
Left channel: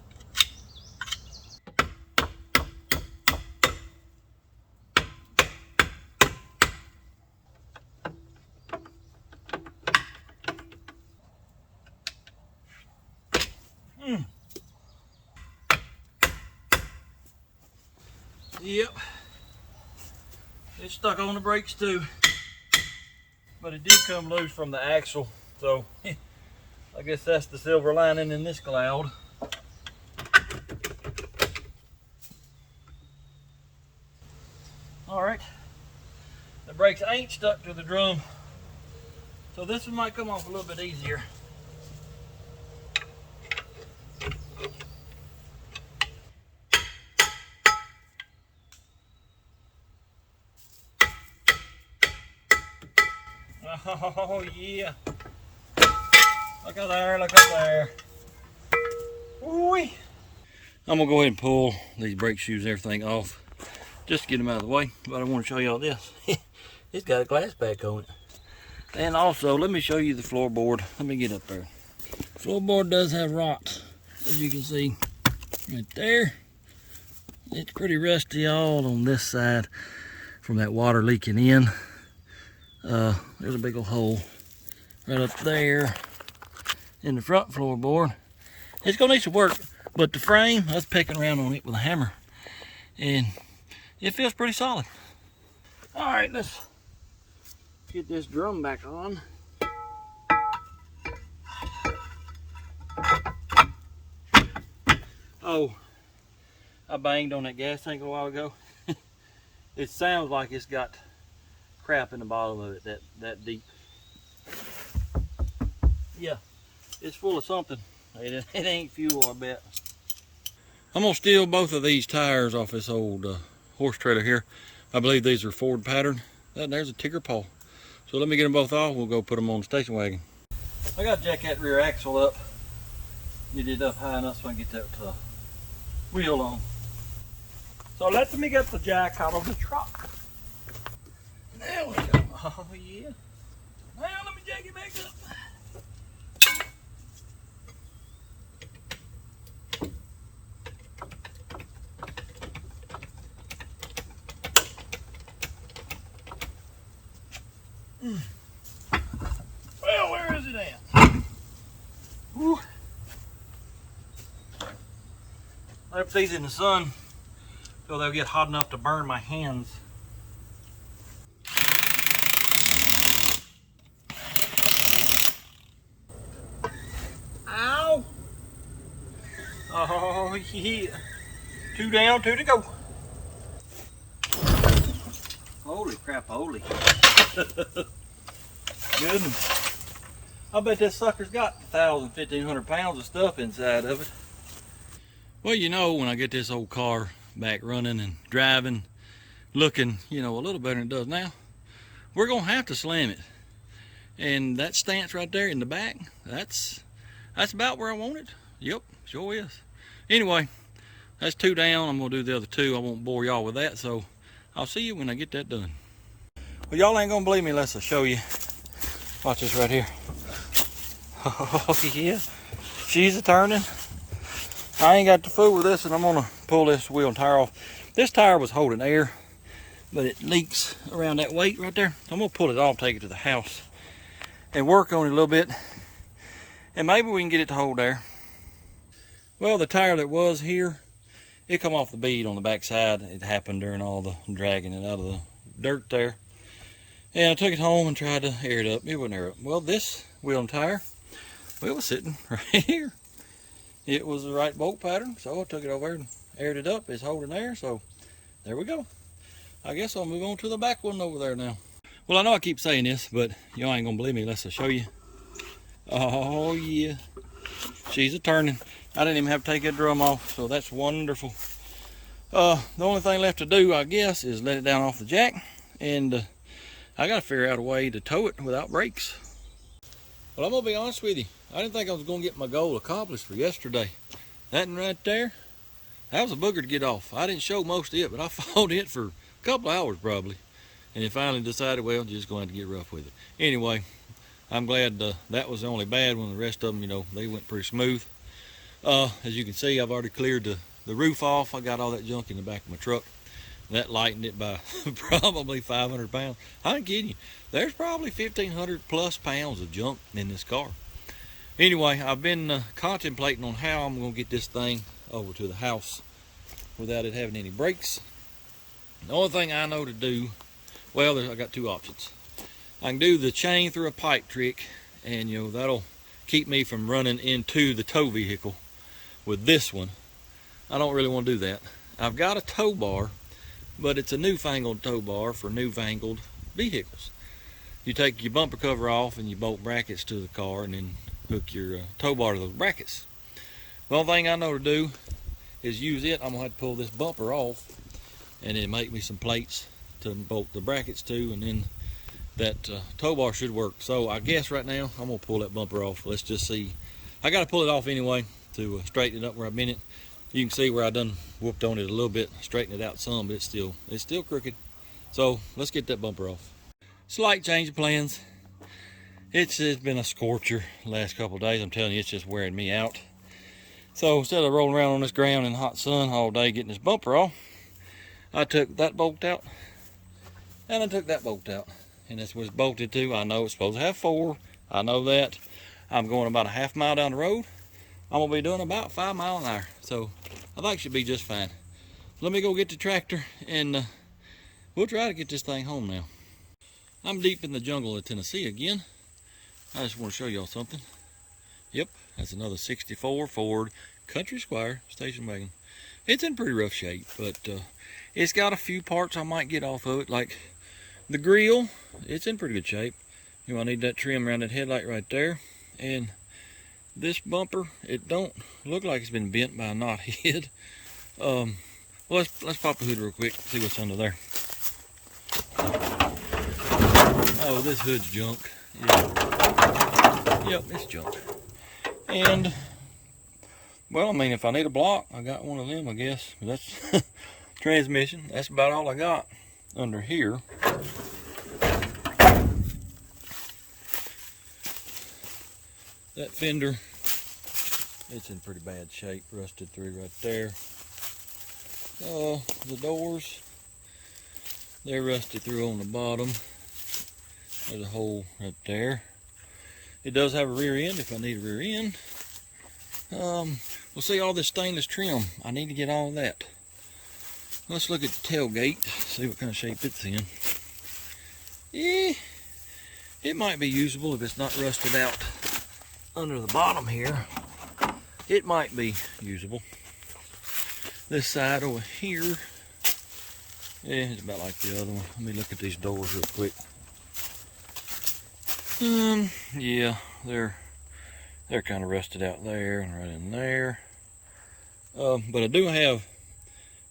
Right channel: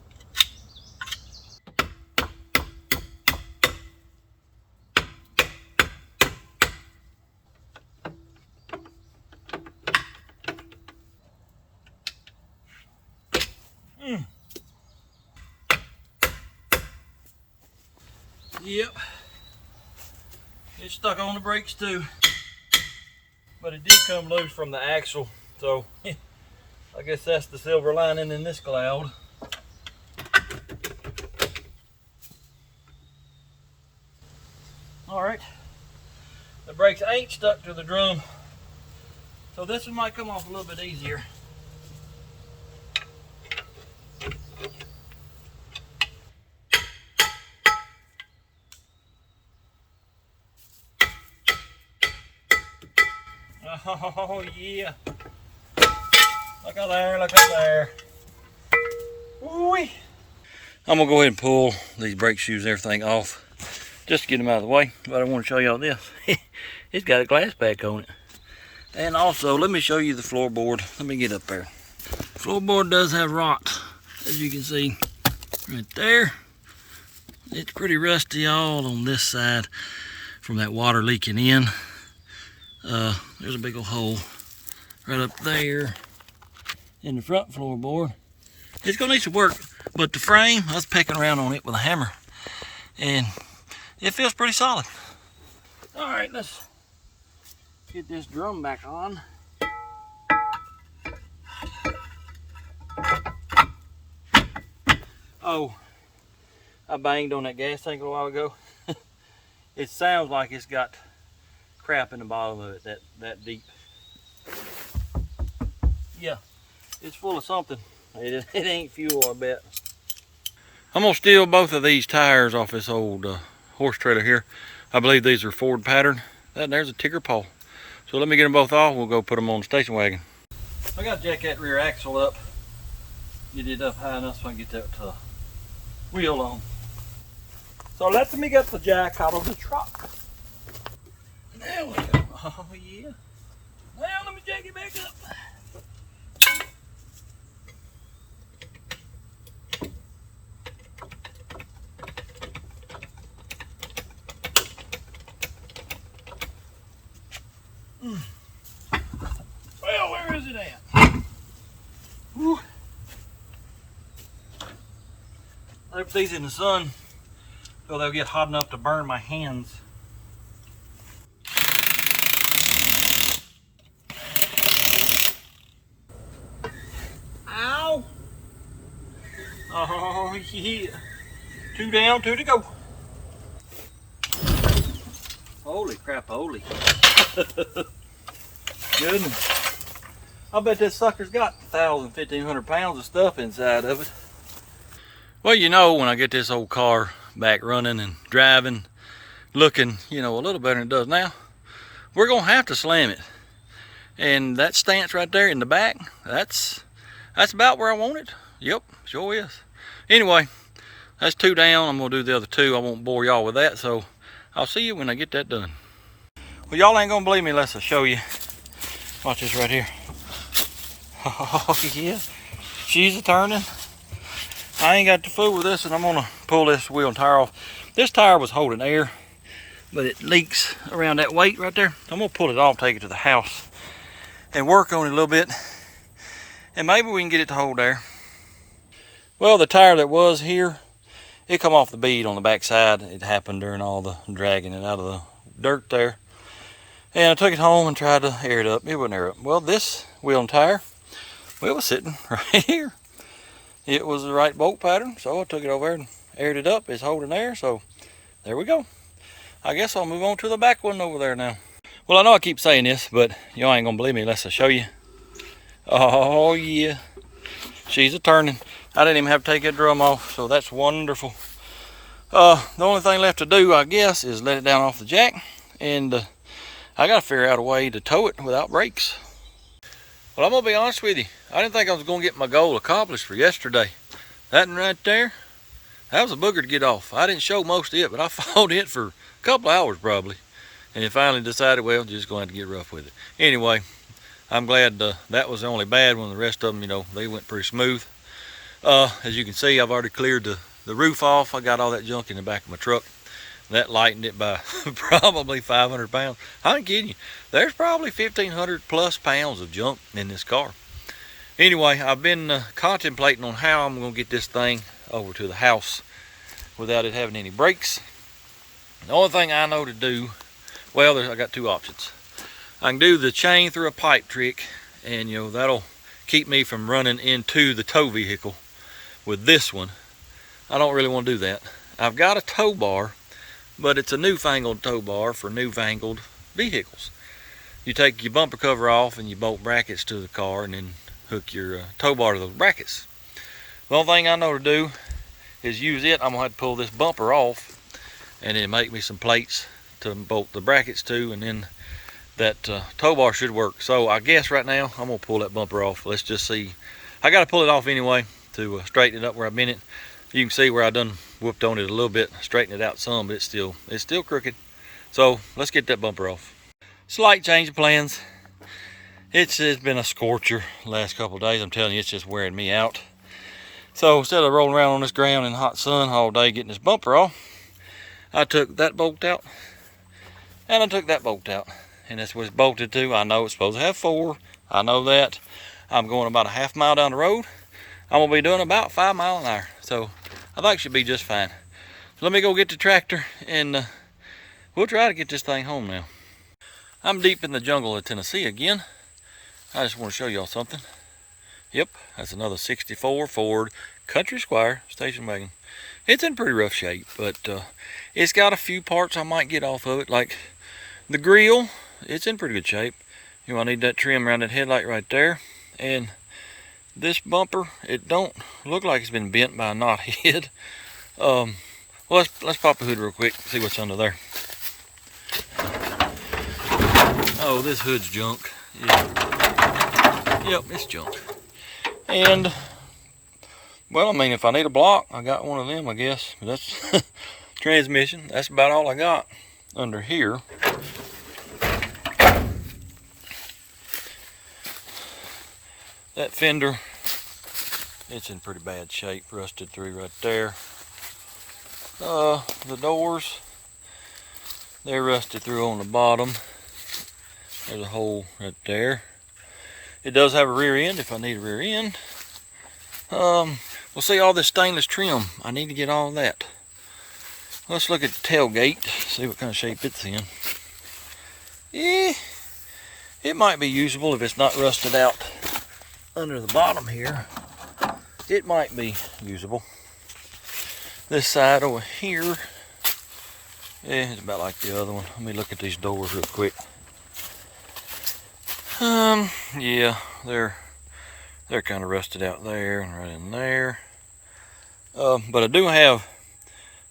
Yep, it's stuck on the brakes too, but it did come loose from the axle, so I guess that's the silver lining in this cloud. All right, the brakes ain't stuck to the drum, so this one might come off a little bit easier. Oh yeah. Look out there, look out there. Woo-wee. I'm gonna go ahead and pull these brake shoes and everything off, just to get them out of the way. But I want to show y'all this. It's got a glass back on it. And also, let me show you the floorboard. Let me get up there. Floorboard does have rot, as you can see right there. It's pretty rusty all on this side from that water leaking in. There's a big old hole right up there in the front floorboard. It's gonna need some work, but the frame, I was pecking around on it with a hammer, and it feels pretty solid. All right, let's get this drum back on. Oh, I banged on that gas tank a while ago. It sounds like it's got crap in the bottom of it, that deep. Yeah, it's full of something. It ain't fuel, I bet. I'm gonna steal both of these tires off this old horse trailer here. I believe these are Ford pattern. There's a ticker pole. So let me get them both off. We'll go put them on the station wagon. I got to jack that rear axle up. Get it up high enough so I can get that wheel on. So let me get the jack out of the truck. There we go. Oh yeah. Well, let me jack it back up. Well, where is it at? Whew. I put these in the sun so they'll get hot enough to burn my hands. Ow! Oh yeah. 2 down, 2 to go. Holy crap, holy. Goodness. I bet this sucker's got 1,000, 1,500 pounds of stuff inside of it. Well, you know, when I get this old car back running and driving, looking, you know, a little better than it does now, we're gonna have to slam it. And that stance right there in the back, that's about where I want it. Yep, sure is. Anyway, that's 2 down. I'm gonna do the other 2. I won't bore y'all with that, so I'll see you when I get that done. Well, y'all ain't gonna believe me unless I show you. Watch this right here. Oh yeah, she's a turning. I ain't got to fool with this, and I'm gonna pull this wheel and tire off. This tire was holding air, but it leaks around that weight right there. I'm gonna pull it off, take it to the house, and work on it a little bit, and maybe we can get it to hold air. Well, the tire that was here, it come off the bead on the back side. It happened during all the dragging it out of the dirt there. And I took it home and tried to air it up. It wouldn't air up. Well, this wheel and tire, well, it was sitting right here. It was the right bolt pattern, so I took it over there and aired it up. It's holding there, so there we go. I guess I'll move on to the back one over there now. Well, I know I keep saying this, but y'all ain't gonna believe me unless I show you. Oh yeah, she's a turning. I didn't even have to take that drum off, so that's wonderful. The only thing left to do, I guess, is let it down off the jack, and I gotta figure out a way to tow it without brakes. Well, I'm gonna be honest with you. I didn't think I was gonna get my goal accomplished for yesterday. That one right there, that was a booger to get off. I didn't show most of it, but I fought it for a couple of hours probably. And then finally decided, well, just going to get rough with it. Anyway, I'm glad that was the only bad one. The rest of them, you know, they went pretty smooth. As you can see, I've already cleared the roof off. I got all that junk in the back of my truck. That lightened it by probably 500 pounds. I ain't kidding you. There's probably 1,500 plus pounds of junk in this car. Anyway, I've been contemplating on how I'm going to get this thing over to the house without it having any brakes. The only thing I know to do, well, I got two options. I can do the chain through a pipe trick, and you know, that'll keep me from running into the tow vehicle with this one. I don't really want to do that. I've got a tow bar, but it's a newfangled tow bar for newfangled vehicles. You take your bumper cover off and you bolt brackets to the car and then hook your tow bar to those brackets. The only thing I know to do is use it. I'm gonna have to pull this bumper off and then make me some plates to bolt the brackets to, and then that tow bar should work. So I guess right now I'm gonna pull that bumper off. Let's just see. I gotta pull it off anyway to straighten it up where I've been it. You can see where I done whooped on it a little bit, straighten it out some, but it's still crooked. So let's get that bumper off. Slight change of plans. It's been a scorcher the last couple of days. I'm telling you, it's just wearing me out. So instead of rolling around on this ground in the hot sun all day getting this bumper off, I took that bolt out and I took that bolt out, and that's what it's bolted to. I know it's supposed to have 4. I know that. I'm going about a half mile down the road. I'm gonna be doing about 5 miles an hour, so I think it should be just fine. So let me go get the tractor and we'll try to get this thing home now. I'm deep in the jungle of Tennessee again. I just want to show y'all something. Yep, that's another 64 Ford Country Squire station wagon. It's in pretty rough shape, but it's got a few parts I might get off of it, like the grill. It's in pretty good shape. You know, I need that trim around that headlight right there, and this bumper, it don't look like it's been bent by a knothead. Well, let's pop the hood real quick, see what's under there. Oh, this hood's junk. Yeah. Yep, it's junk. And well, I mean, if I need a block, I got one of them, I guess. That's transmission. That's about all I got under here. That fender, it's in pretty bad shape, rusted through right there. The doors, they're rusted through on the bottom. There's a hole right there. It does have a rear end if I need a rear end. We'll see all this stainless trim. I need to get all of that. Let's look at the tailgate, see what kind of shape it's in. Yeah, it might be usable if it's not rusted out under the bottom here. It might be usable. This side over here, yeah, it's about like the other one. Let me look at these doors real quick. Yeah, they're kind of rusted out there and right in there. But I do have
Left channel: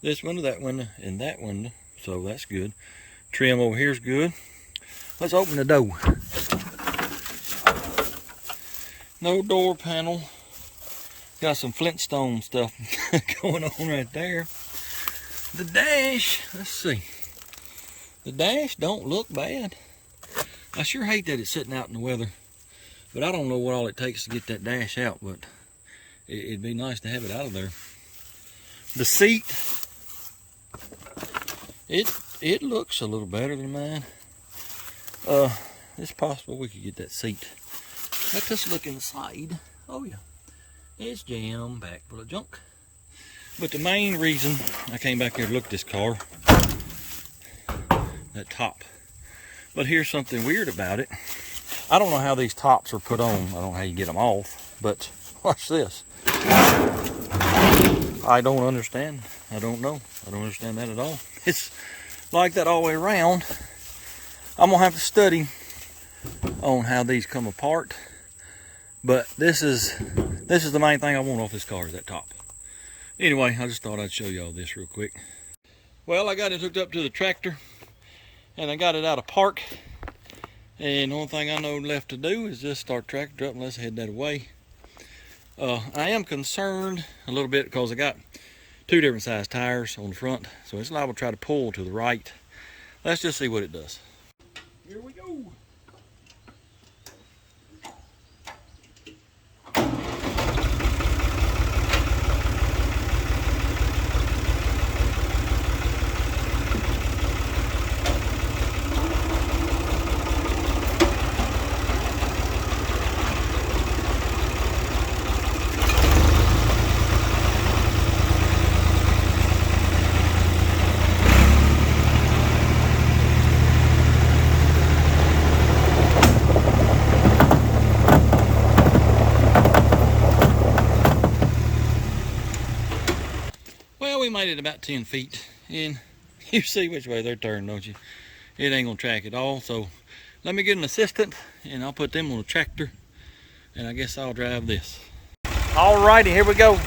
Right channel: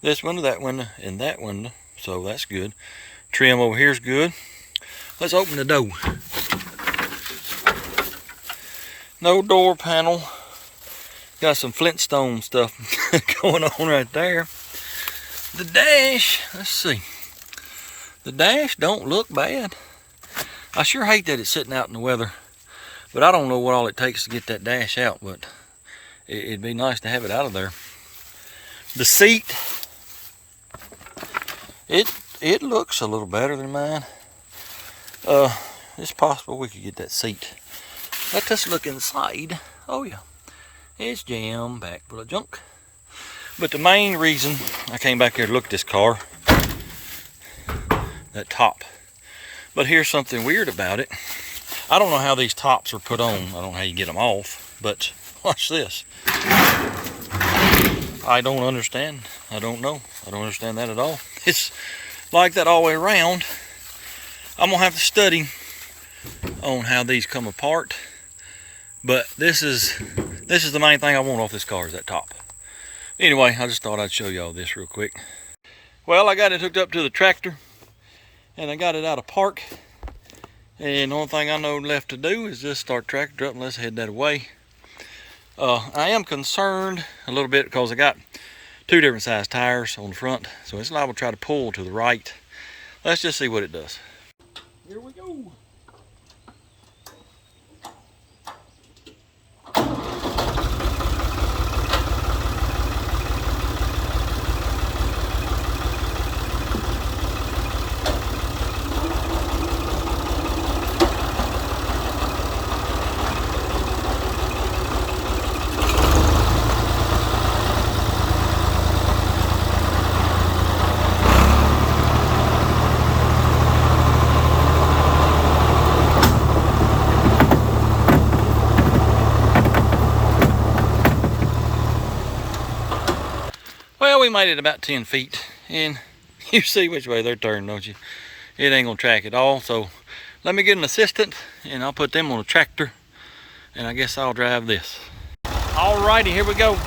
this window, that window, and that window, so that's good. Trim over here is good. Let's open the door. No door panel. Got some Flintstone stuff going on right there. The dash, let's see. The dash don't look bad. I sure hate that it's sitting out in the weather, but I don't know what all it takes to get that dash out, but it'd be nice to have it out of there. The seat, it looks a little better than mine. It's possible we could get that seat. Let us look inside. Oh yeah, it's jam packed full of junk. But the main reason I came back here to look at this car, that top. But here's something weird about it. I don't know how these tops are put on. I don't know how you get them off, but watch this. I don't understand. I don't know. I don't understand that at all. It's like that all the way around. I'm gonna have to study on how these come apart. But this is the main thing I want off this car, is that top. Anyway, I just thought I'd show y'all this real quick. Well, I got it hooked up to the tractor and I got it out of park. And the only thing I know left to do is just start tractor up and let's head that away. I am concerned a little bit because I got two different size tires on the front, so it's liable to try to pull to the right. Let's just see what it does. Here we go. Well, we made it about 10 feet, and you see which way they're turning, don't you? It ain't gonna track at all, so let me get an assistant, and I'll put them on a tractor, and I guess I'll drive this. Alrighty, here we go.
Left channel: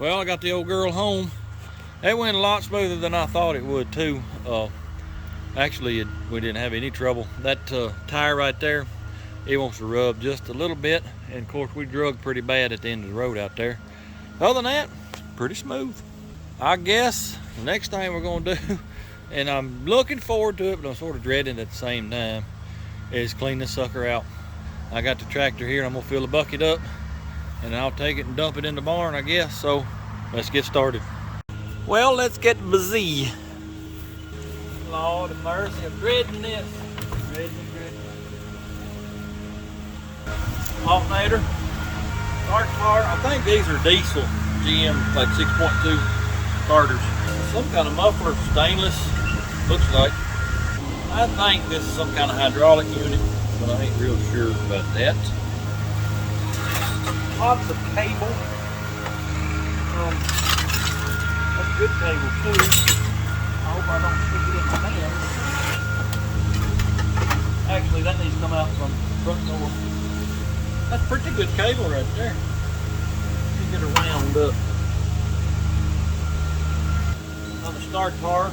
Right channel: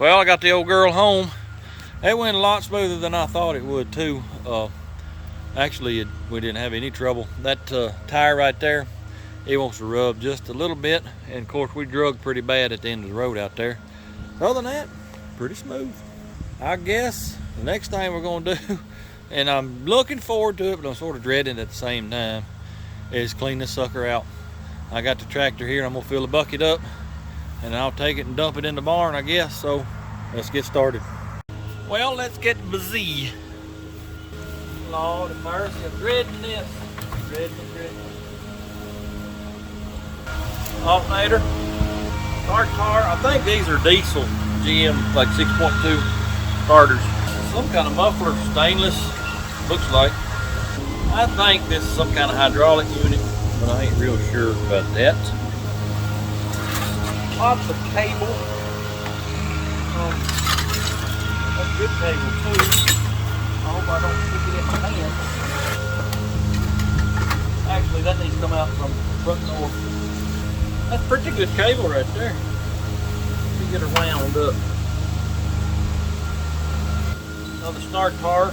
Well, I got the old girl home. It went a lot smoother than I thought it would too. Actually, we didn't have any trouble. That tire right there, it wants to rub just a little bit. And of course, we drug pretty bad at the end of the road out there. Other than that, pretty smooth. I guess the next thing we're gonna do, and I'm looking forward to it, but I'm sort of dreading it at the same time, is clean this sucker out. I got the tractor here, and I'm gonna fill the bucket up, and I'll take it and dump it in the barn, I guess. So let's get started. Well, let's get busy. Lord have mercy, I'm dreading this. Dreading it, dreading it. alternator, start tar. I think these are diesel GM, like 6.2 starters. Some kind of muffler, stainless, looks like. I think this is some kind of hydraulic unit, but I ain't real sure about that. Lots of cable. That's good cable too. I hope I don't stick it in my hand. Actually, that needs to come out from the front door. That's pretty good cable right there. Let me get her wound up. Another start tar.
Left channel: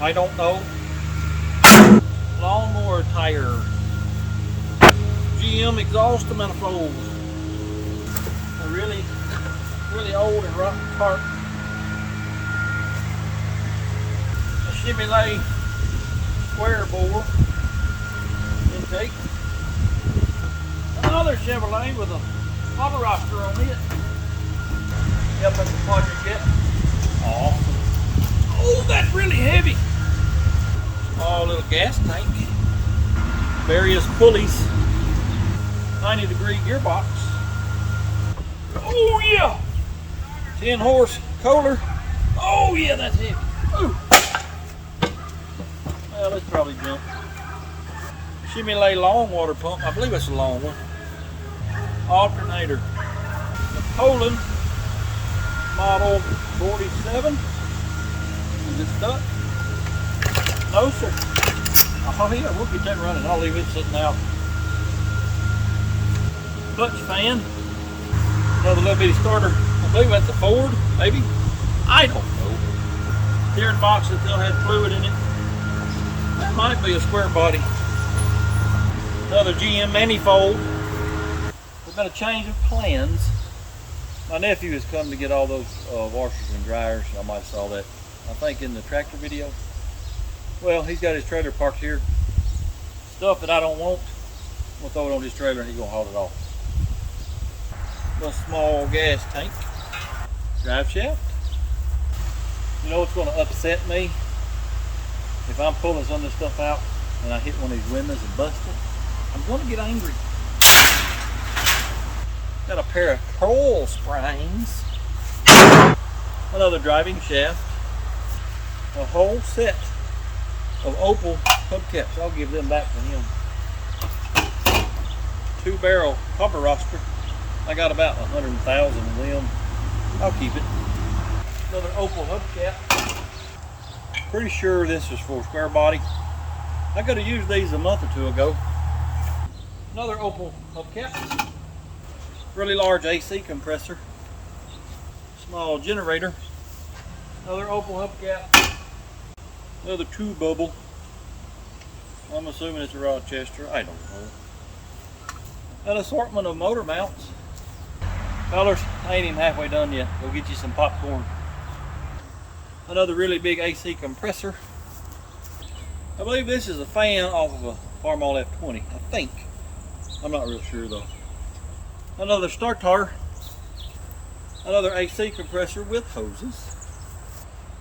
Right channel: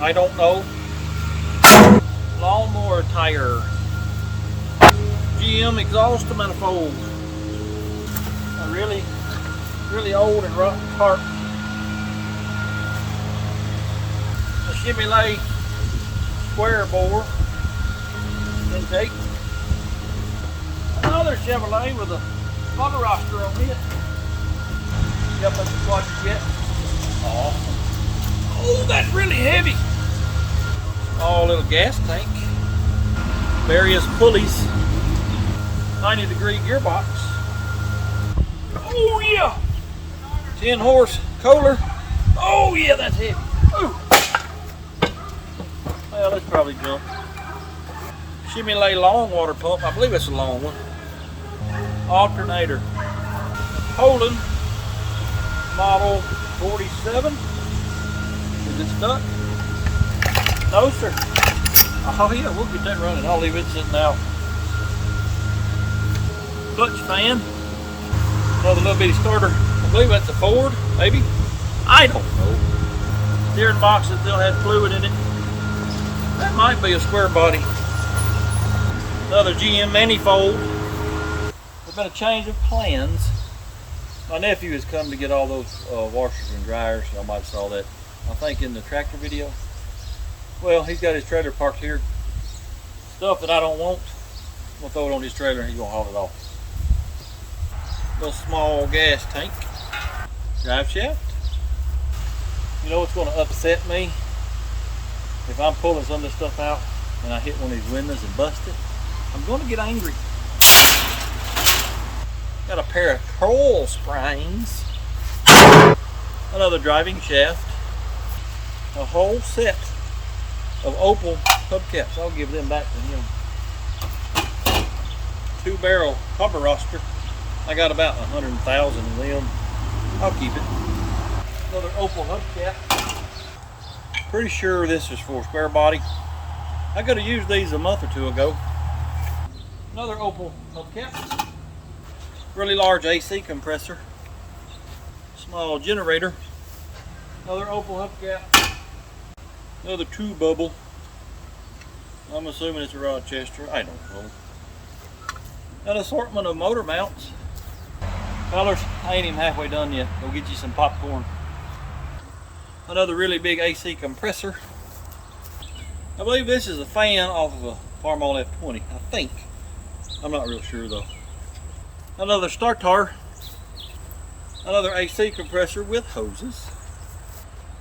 I don't know. Lawnmower tire. GM exhaust manifold. A really old and rotten tarp. A shimmy lay square bore intake. Another Chevrolet with a auto roster on it. Yep, that's the quadrant yet. Awesome. Oh, that's really heavy. Oh, little gas tank. Various pulleys. 90-degree gearbox. Oh yeah. 10 horse Kohler. Oh yeah, that's heavy. Ooh. Well, that's probably junk. Shimmy lay long water pump. I believe it's a long one. Alternator. The Poland model 47. Is it stuck? No, sir. Oh yeah, we'll get that running. I'll leave it sitting out. Clutch fan. Another little bitty starter. I believe that's a Ford, maybe. I don't know. Steering box that still had fluid in it. That might be a square body. Another GM manifold. There's been a change of plans. My nephew has come to get all those washers and dryers. Y'all might have saw that, I think, in the tractor video. Well, he's got his trailer parked here. Stuff that I don't want, I'm gonna throw it on his trailer and he's gonna haul it off. Little small gas tank. Drive shaft. You know what's gonna upset me? If I'm pulling some of this stuff out and I hit one of these windows and bust it, I'm gonna get angry. Got a pair of coil springs. Another driving shaft. A whole set of Opal hubcaps. I'll give them back to him. 2-barrel cover roster. I got about 100,000 of them. I'll keep it. Another Opal hubcap. Pretty sure this is for square body. I could have used these a month or two ago. Another Opal hubcap. Really large AC compressor. Small generator. Another Opal hubcap. Another 2-bubble. I'm assuming it's a Rochester. I don't know. An assortment of motor mounts. Fellas, I ain't even halfway done yet. Go get you some popcorn. Another really big AC compressor. I believe this is a fan off of a Farmall F20. I think. I'm not real sure though. Another starter. Another AC compressor with hoses.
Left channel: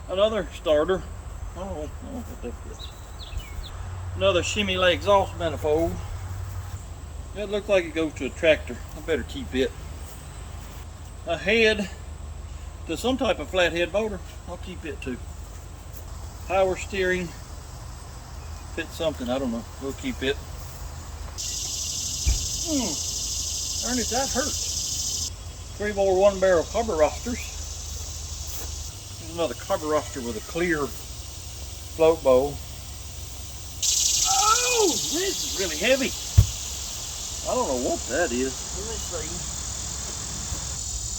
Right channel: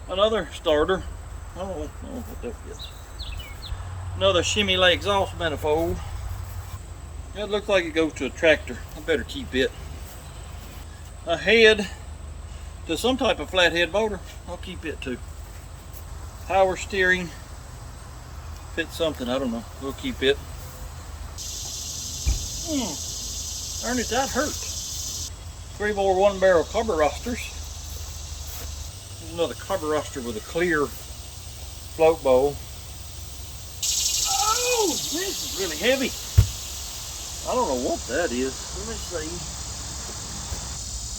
Another starter. I don't know what that is. Another shimmy lay exhaust manifold. It looks like it goes to a tractor. I better keep it. A head to some type of flathead motor. I'll keep it too. Power steering. Fit something, I don't know. We'll keep it. Ernie, that hurt. 3 more 1-barrel carburetor rosters. Here's another carburetor roster with a clear float bowl. Oh, this is really heavy. I don't know what that is. Let me see.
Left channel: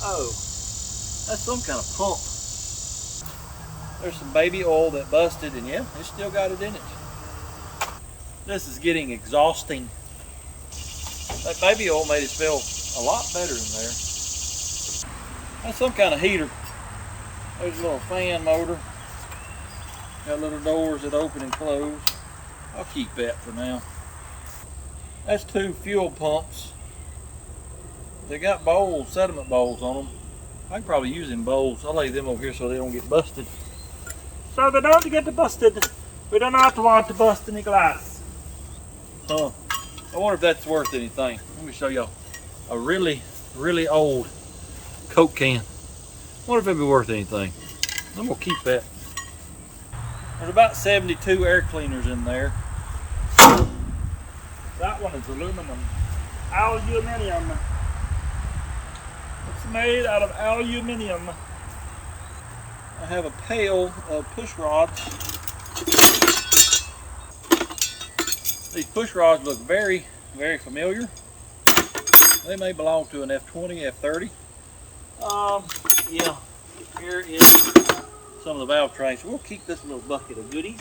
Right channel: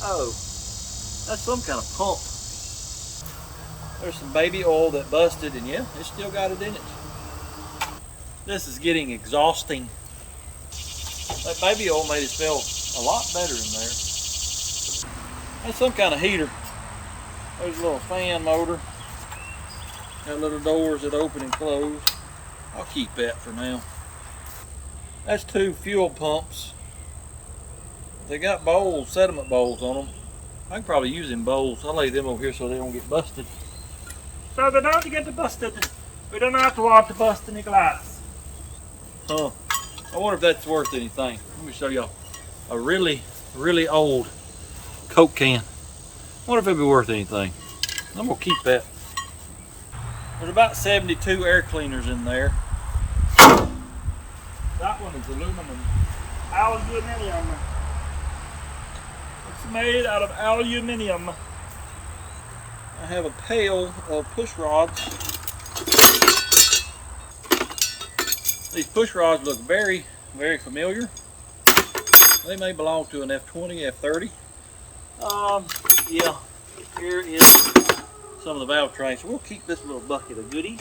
Oh, that's some kind of pump. There's some baby oil that busted, and yeah, it's still got it in it. This is getting exhausting. That baby oil made it smell a lot better in there. That's some kind of heater. There's a little fan motor. Got little doors that open and close. I'll keep that for now. That's 2 fuel pumps. They got bowls, sediment bowls on them. I can probably use them bowls. I'll lay them over here so they don't get busted. So they don't get busted. We do not want to bust any glass. Huh. I wonder if that's worth anything. Let me show y'all a really, really old Coke can. I wonder if it'd be worth anything. I'm gonna keep that. There's about 72 air cleaners in there. That one is aluminum. Aluminium. It's made out of aluminium. I have a pail of push rods. These push rods look very, very familiar. They may belong to an F20, F30. Yeah, here is some of the valve trays. So we'll keep this little bucket of goodies.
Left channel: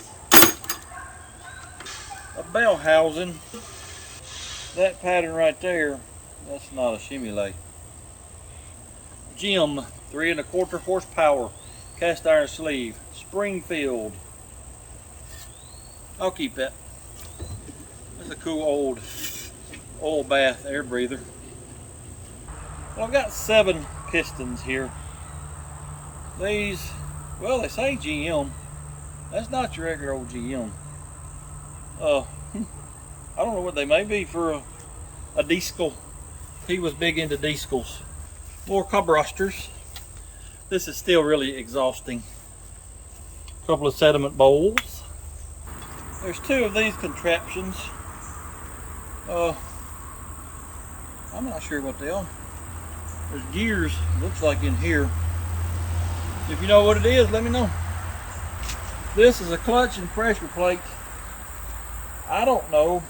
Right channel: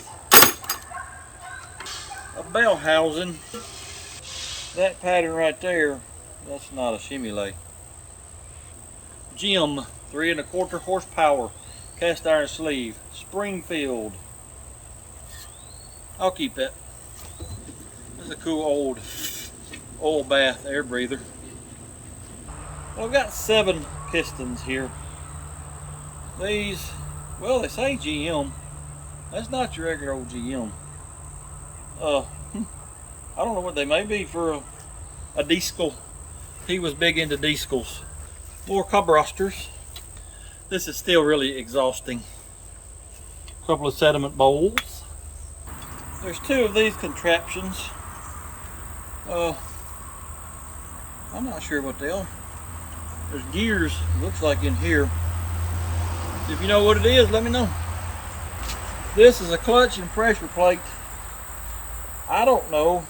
A bell housing. That pattern right there, that's not a shimmy-lay. Jim, 3 1/4 horsepower, cast iron sleeve, Springfield. I'll keep that. That's a cool old oil bath air breather. Well, I've got 7 pistons here. These, well, they say GM. That's not your regular old GM. I don't know what they may be for a diesel. He was big into diesels. More carburetors. This is still really exhausting. A couple of sediment bowls. There's 2 of these contraptions. I'm not sure what they are. There's gears, looks like, in here. If you know what it is, let me know. This is a clutch and pressure plate. I don't know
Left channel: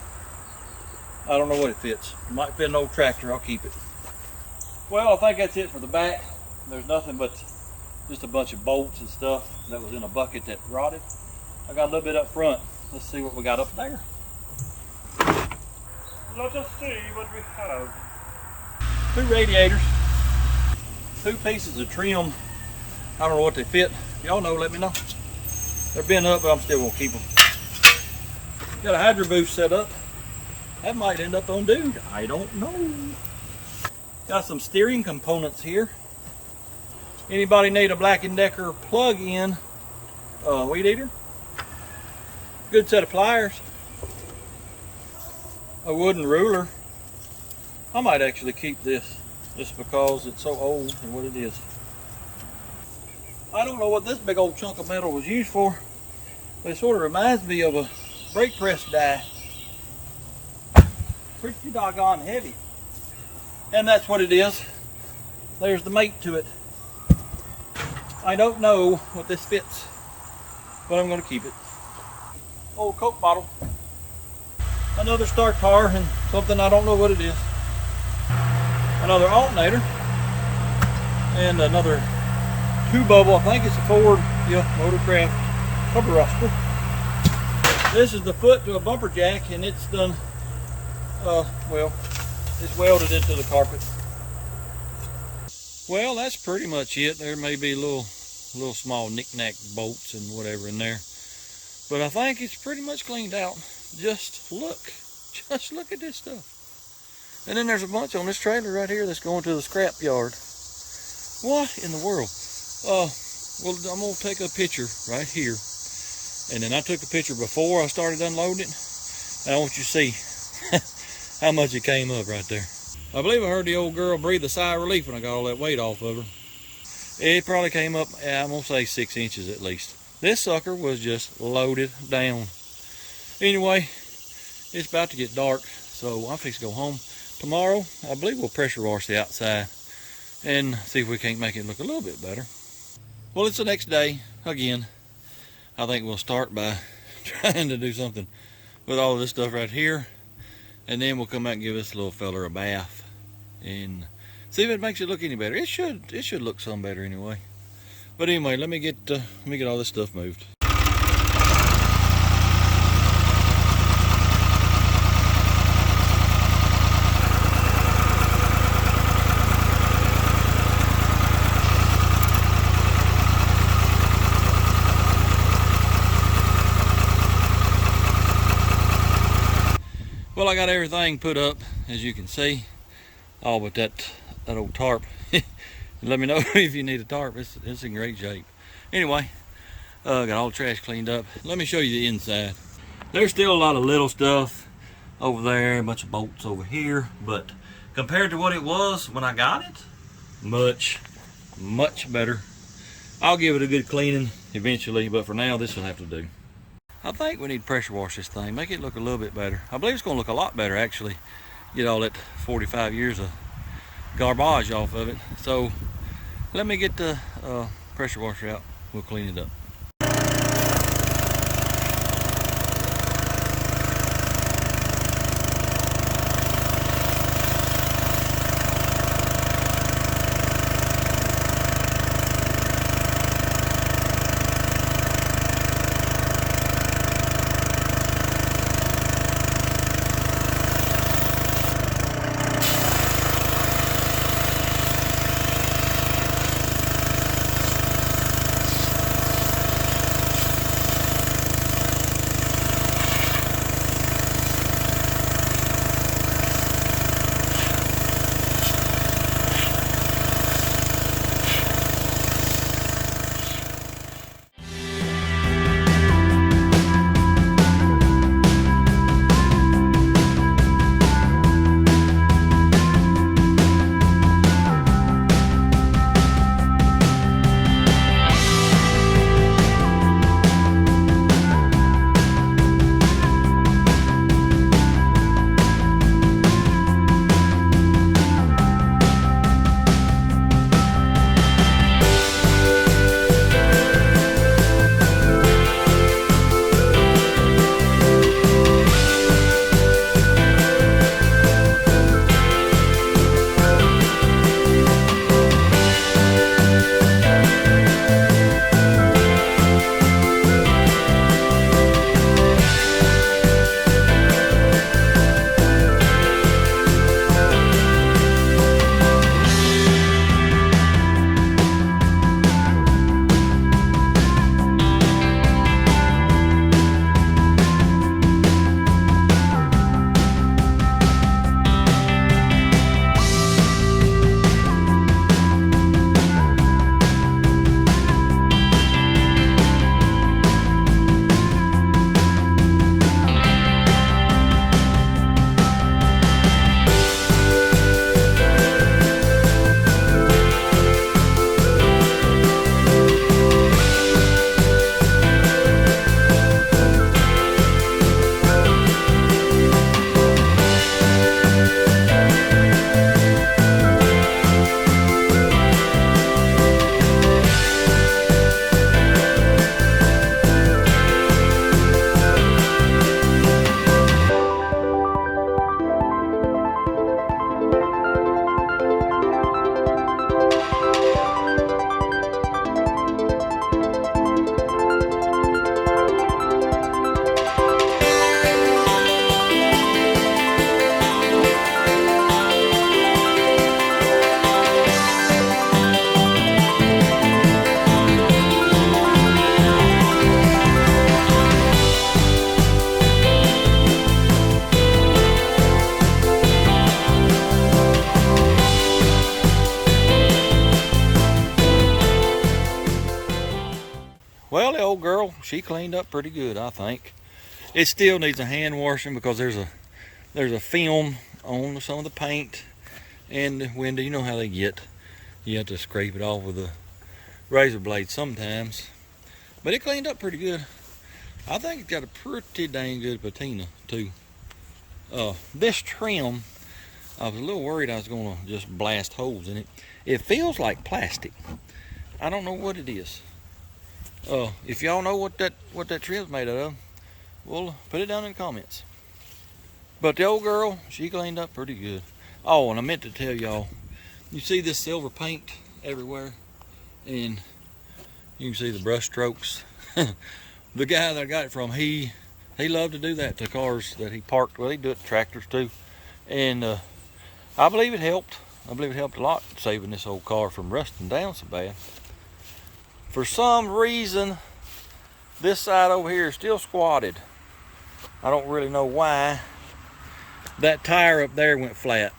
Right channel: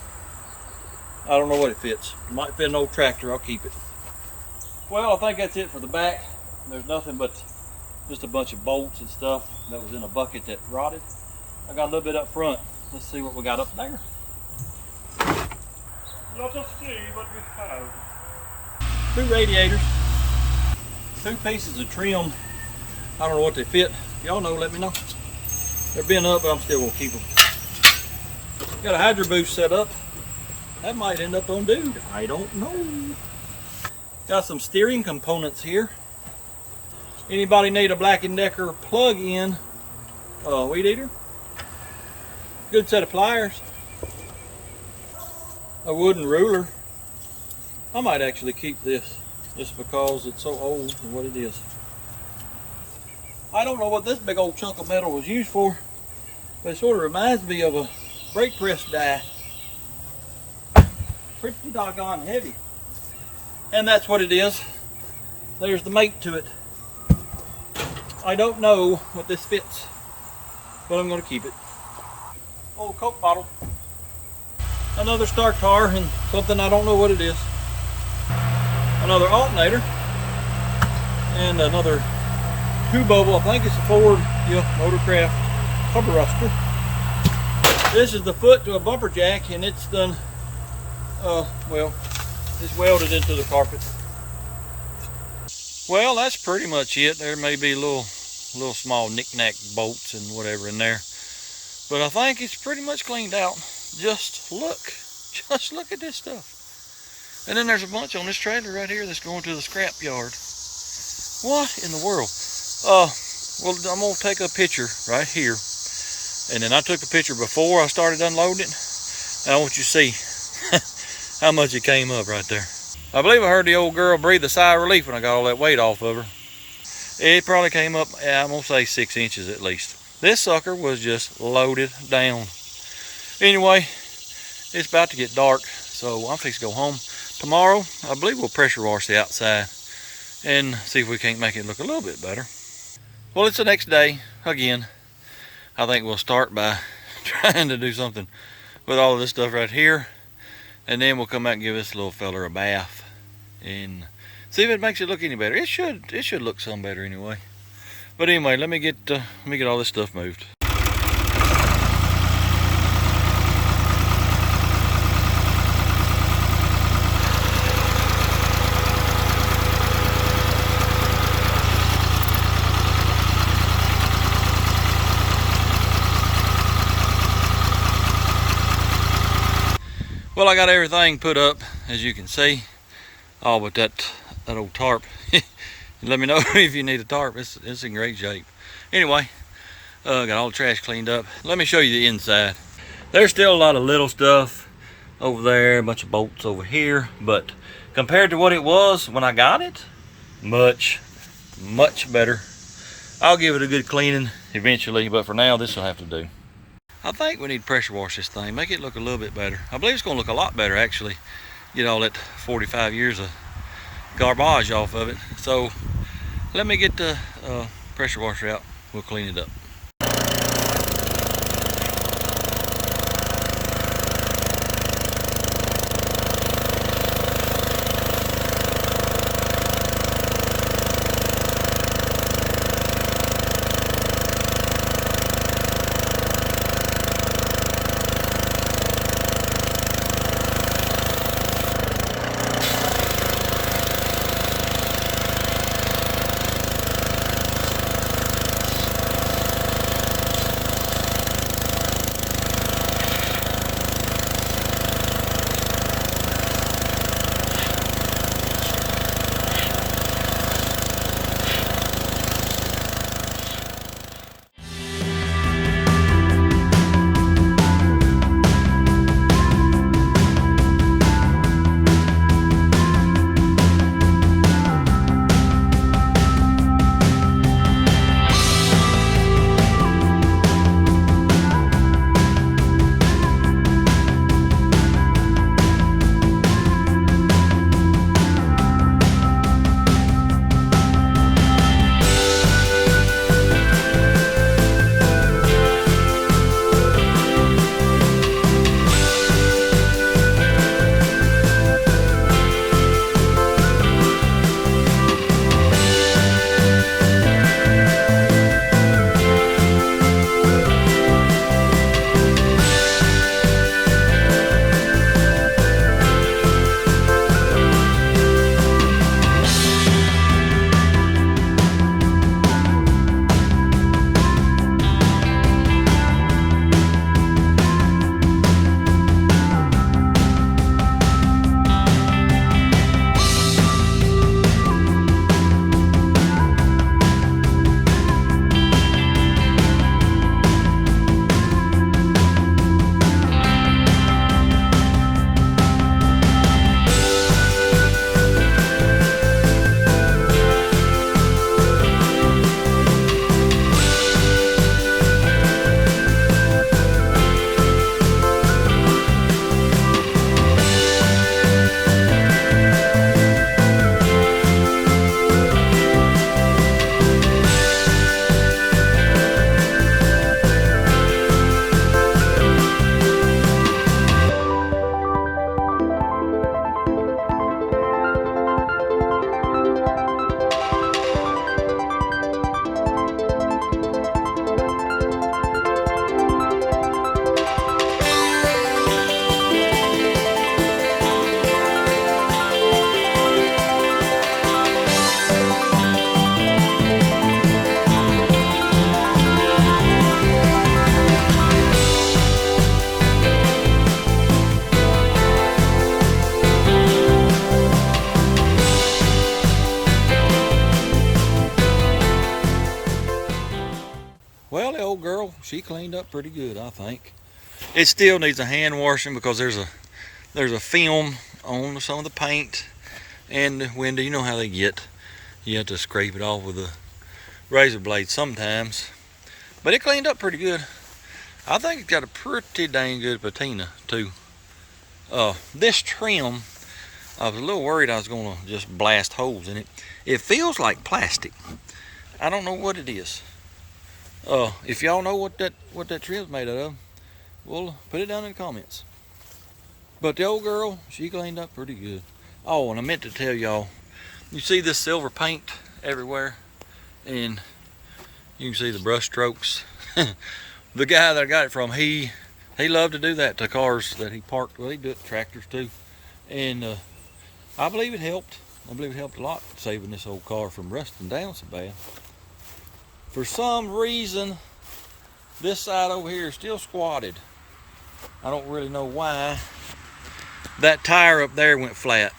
what it fits. It might fit an old tractor. I'll keep it. Well, I think that's it for the back. There's nothing but just a bunch of bolts and stuff that was in a bucket that rotted. I got a little bit up front. Let's see what we got up there. Let us see what we have. 2 radiators. 2 pieces of trim. I don't know what they fit. If y'all know, let me know. They're bent up, but I'm still gonna keep them. Got a hydro boost set up. That might end up on dude. I don't know. Got some steering components here. Anybody need a Black & Decker plug-in weed eater? Good set of pliers. A wooden ruler. I might actually keep this just because it's so old and what it is. I don't know what this big old chunk of metal was used for, but it sort of reminds me of a brake press die. Pretty doggone heavy. And that's what it is. There's the mate to it. I don't know what this fits, but I'm going to keep it. Old Coke bottle. Another start tar and something I don't know what it is. Another alternator. And another 2-bubble. I think it's a Ford Motorcraft carburetor. This is the foot to a bumper jack, and it's done, well, it's welded into the carpet. Well, that's pretty much it. There may be little small knick-knack bolts and whatever in there, but I think it's pretty much cleaned out. Just look at this stuff. And then there's a bunch on this trailer right here that's going to the scrap yard. What in the world? Well, I'm gonna take a picture right here, and then I took a picture before I started unloading it. And I want you to see how much it came up right there. I believe I heard the old girl breathe a sigh of relief when I got all that weight off of her. It probably came up, I'm gonna say 6 inches at least. This sucker was just loaded down. Anyway, it's about to get dark, so I'm fixing to go home. Tomorrow, I believe we'll pressure wash the outside and see if we can't make it look a little bit better. Well, it's the next day again. I think we'll start by trying to do something with all of this stuff right here, and then we'll come out and give this little fella a bath and see if it makes it look any better. It should look some better anyway. But anyway, let me get all this stuff moved. Well, I got everything put up, as you can see, all but that old tarp. Let me know if you need a tarp. It's in great shape. Anyway, got all the trash cleaned up. Let me show you the inside. There's still a lot of little stuff. over there, a bunch of bolts over here. But compared to what it was when I got it, much better. I'll give it a good cleaning eventually, but for now this will have to do. I think we need to pressure wash this thing, make it look a little bit better. I believe it's going to look a lot better actually. Get all that 45 years of garbage off of it. So let me get the pressure washer out. We'll clean it up. Well, the old girl, she cleaned up pretty good, I think. It still needs a hand washing because there's a film on some of the paint and the window. You know how they get. You have to scrape it off with a razor blade sometimes. But it cleaned up pretty good. I think it's got a pretty dang good patina too. This trim, I was a little worried I was gonna just blast holes in it. It feels like plastic. I don't know what it is. If y'all know what that trim's made out of, well, put it down in the comments. But the old girl, she cleaned up pretty good. Oh, and I meant to tell y'all, you see this silver paint everywhere, and you can see the brush strokes. The guy that I got it from, he loved to do that to cars that he parked. Well, he'd do it to tractors too, and I believe it helped. I believe it helped a lot saving this old car from rusting down so bad. For some reason, this side over here is still squatted. I don't really know why. That tire up there went flat.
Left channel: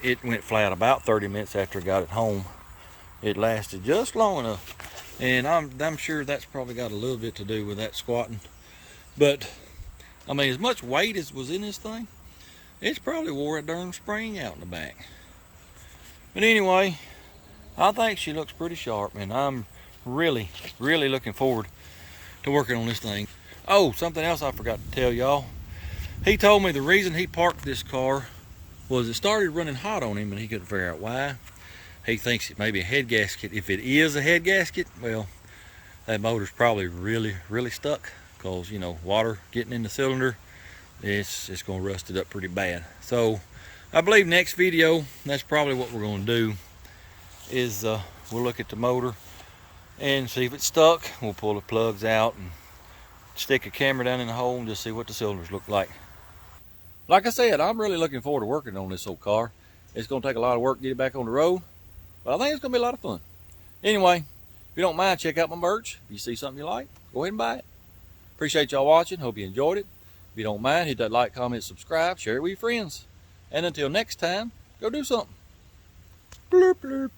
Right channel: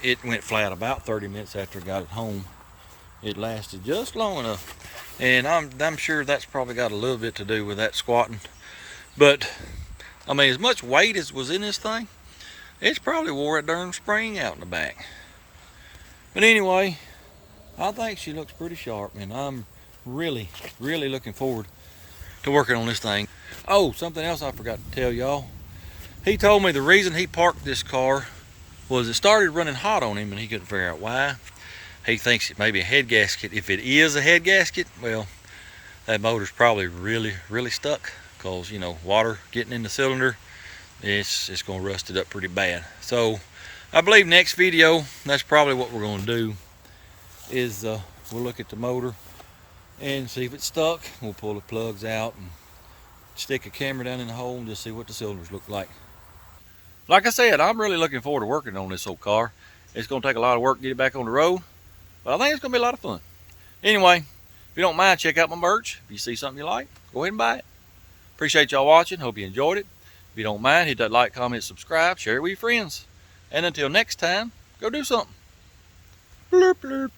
It went flat about 30 minutes after I got it home. It lasted just long enough. And I'm sure that's probably got a little bit to do with that squatting. But I mean, as much weight as was in this thing, it's probably wore that darn spring out in the back. But anyway, I think she looks pretty sharp, and I'm really looking forward to working on this thing. Oh, something else I forgot to tell y'all. He told me the reason he parked this car was it started running hot on him and he couldn't figure out why. He thinks it may be a head gasket. If it is a head gasket, well, that motor's probably really stuck, because you know, water getting in the cylinder, it's gonna rust it up pretty bad. So I believe next video, that's probably what we're gonna do, is we'll look at the motor and see if it's stuck. We'll pull the plugs out and stick a camera down in the hole and just see what the cylinders look like. Like I said, I'm really looking forward to working on this old car. It's gonna take a lot of work to get it back on the road, but I think it's gonna be a lot of fun. Anyway, if you don't mind, check out my merch. If you see something you like, go ahead and buy it. Appreciate y'all watching. Hope you enjoyed it. If you don't mind, hit that like, comment, subscribe, share it with your friends. And until next time, go do something. Blurp, blurp.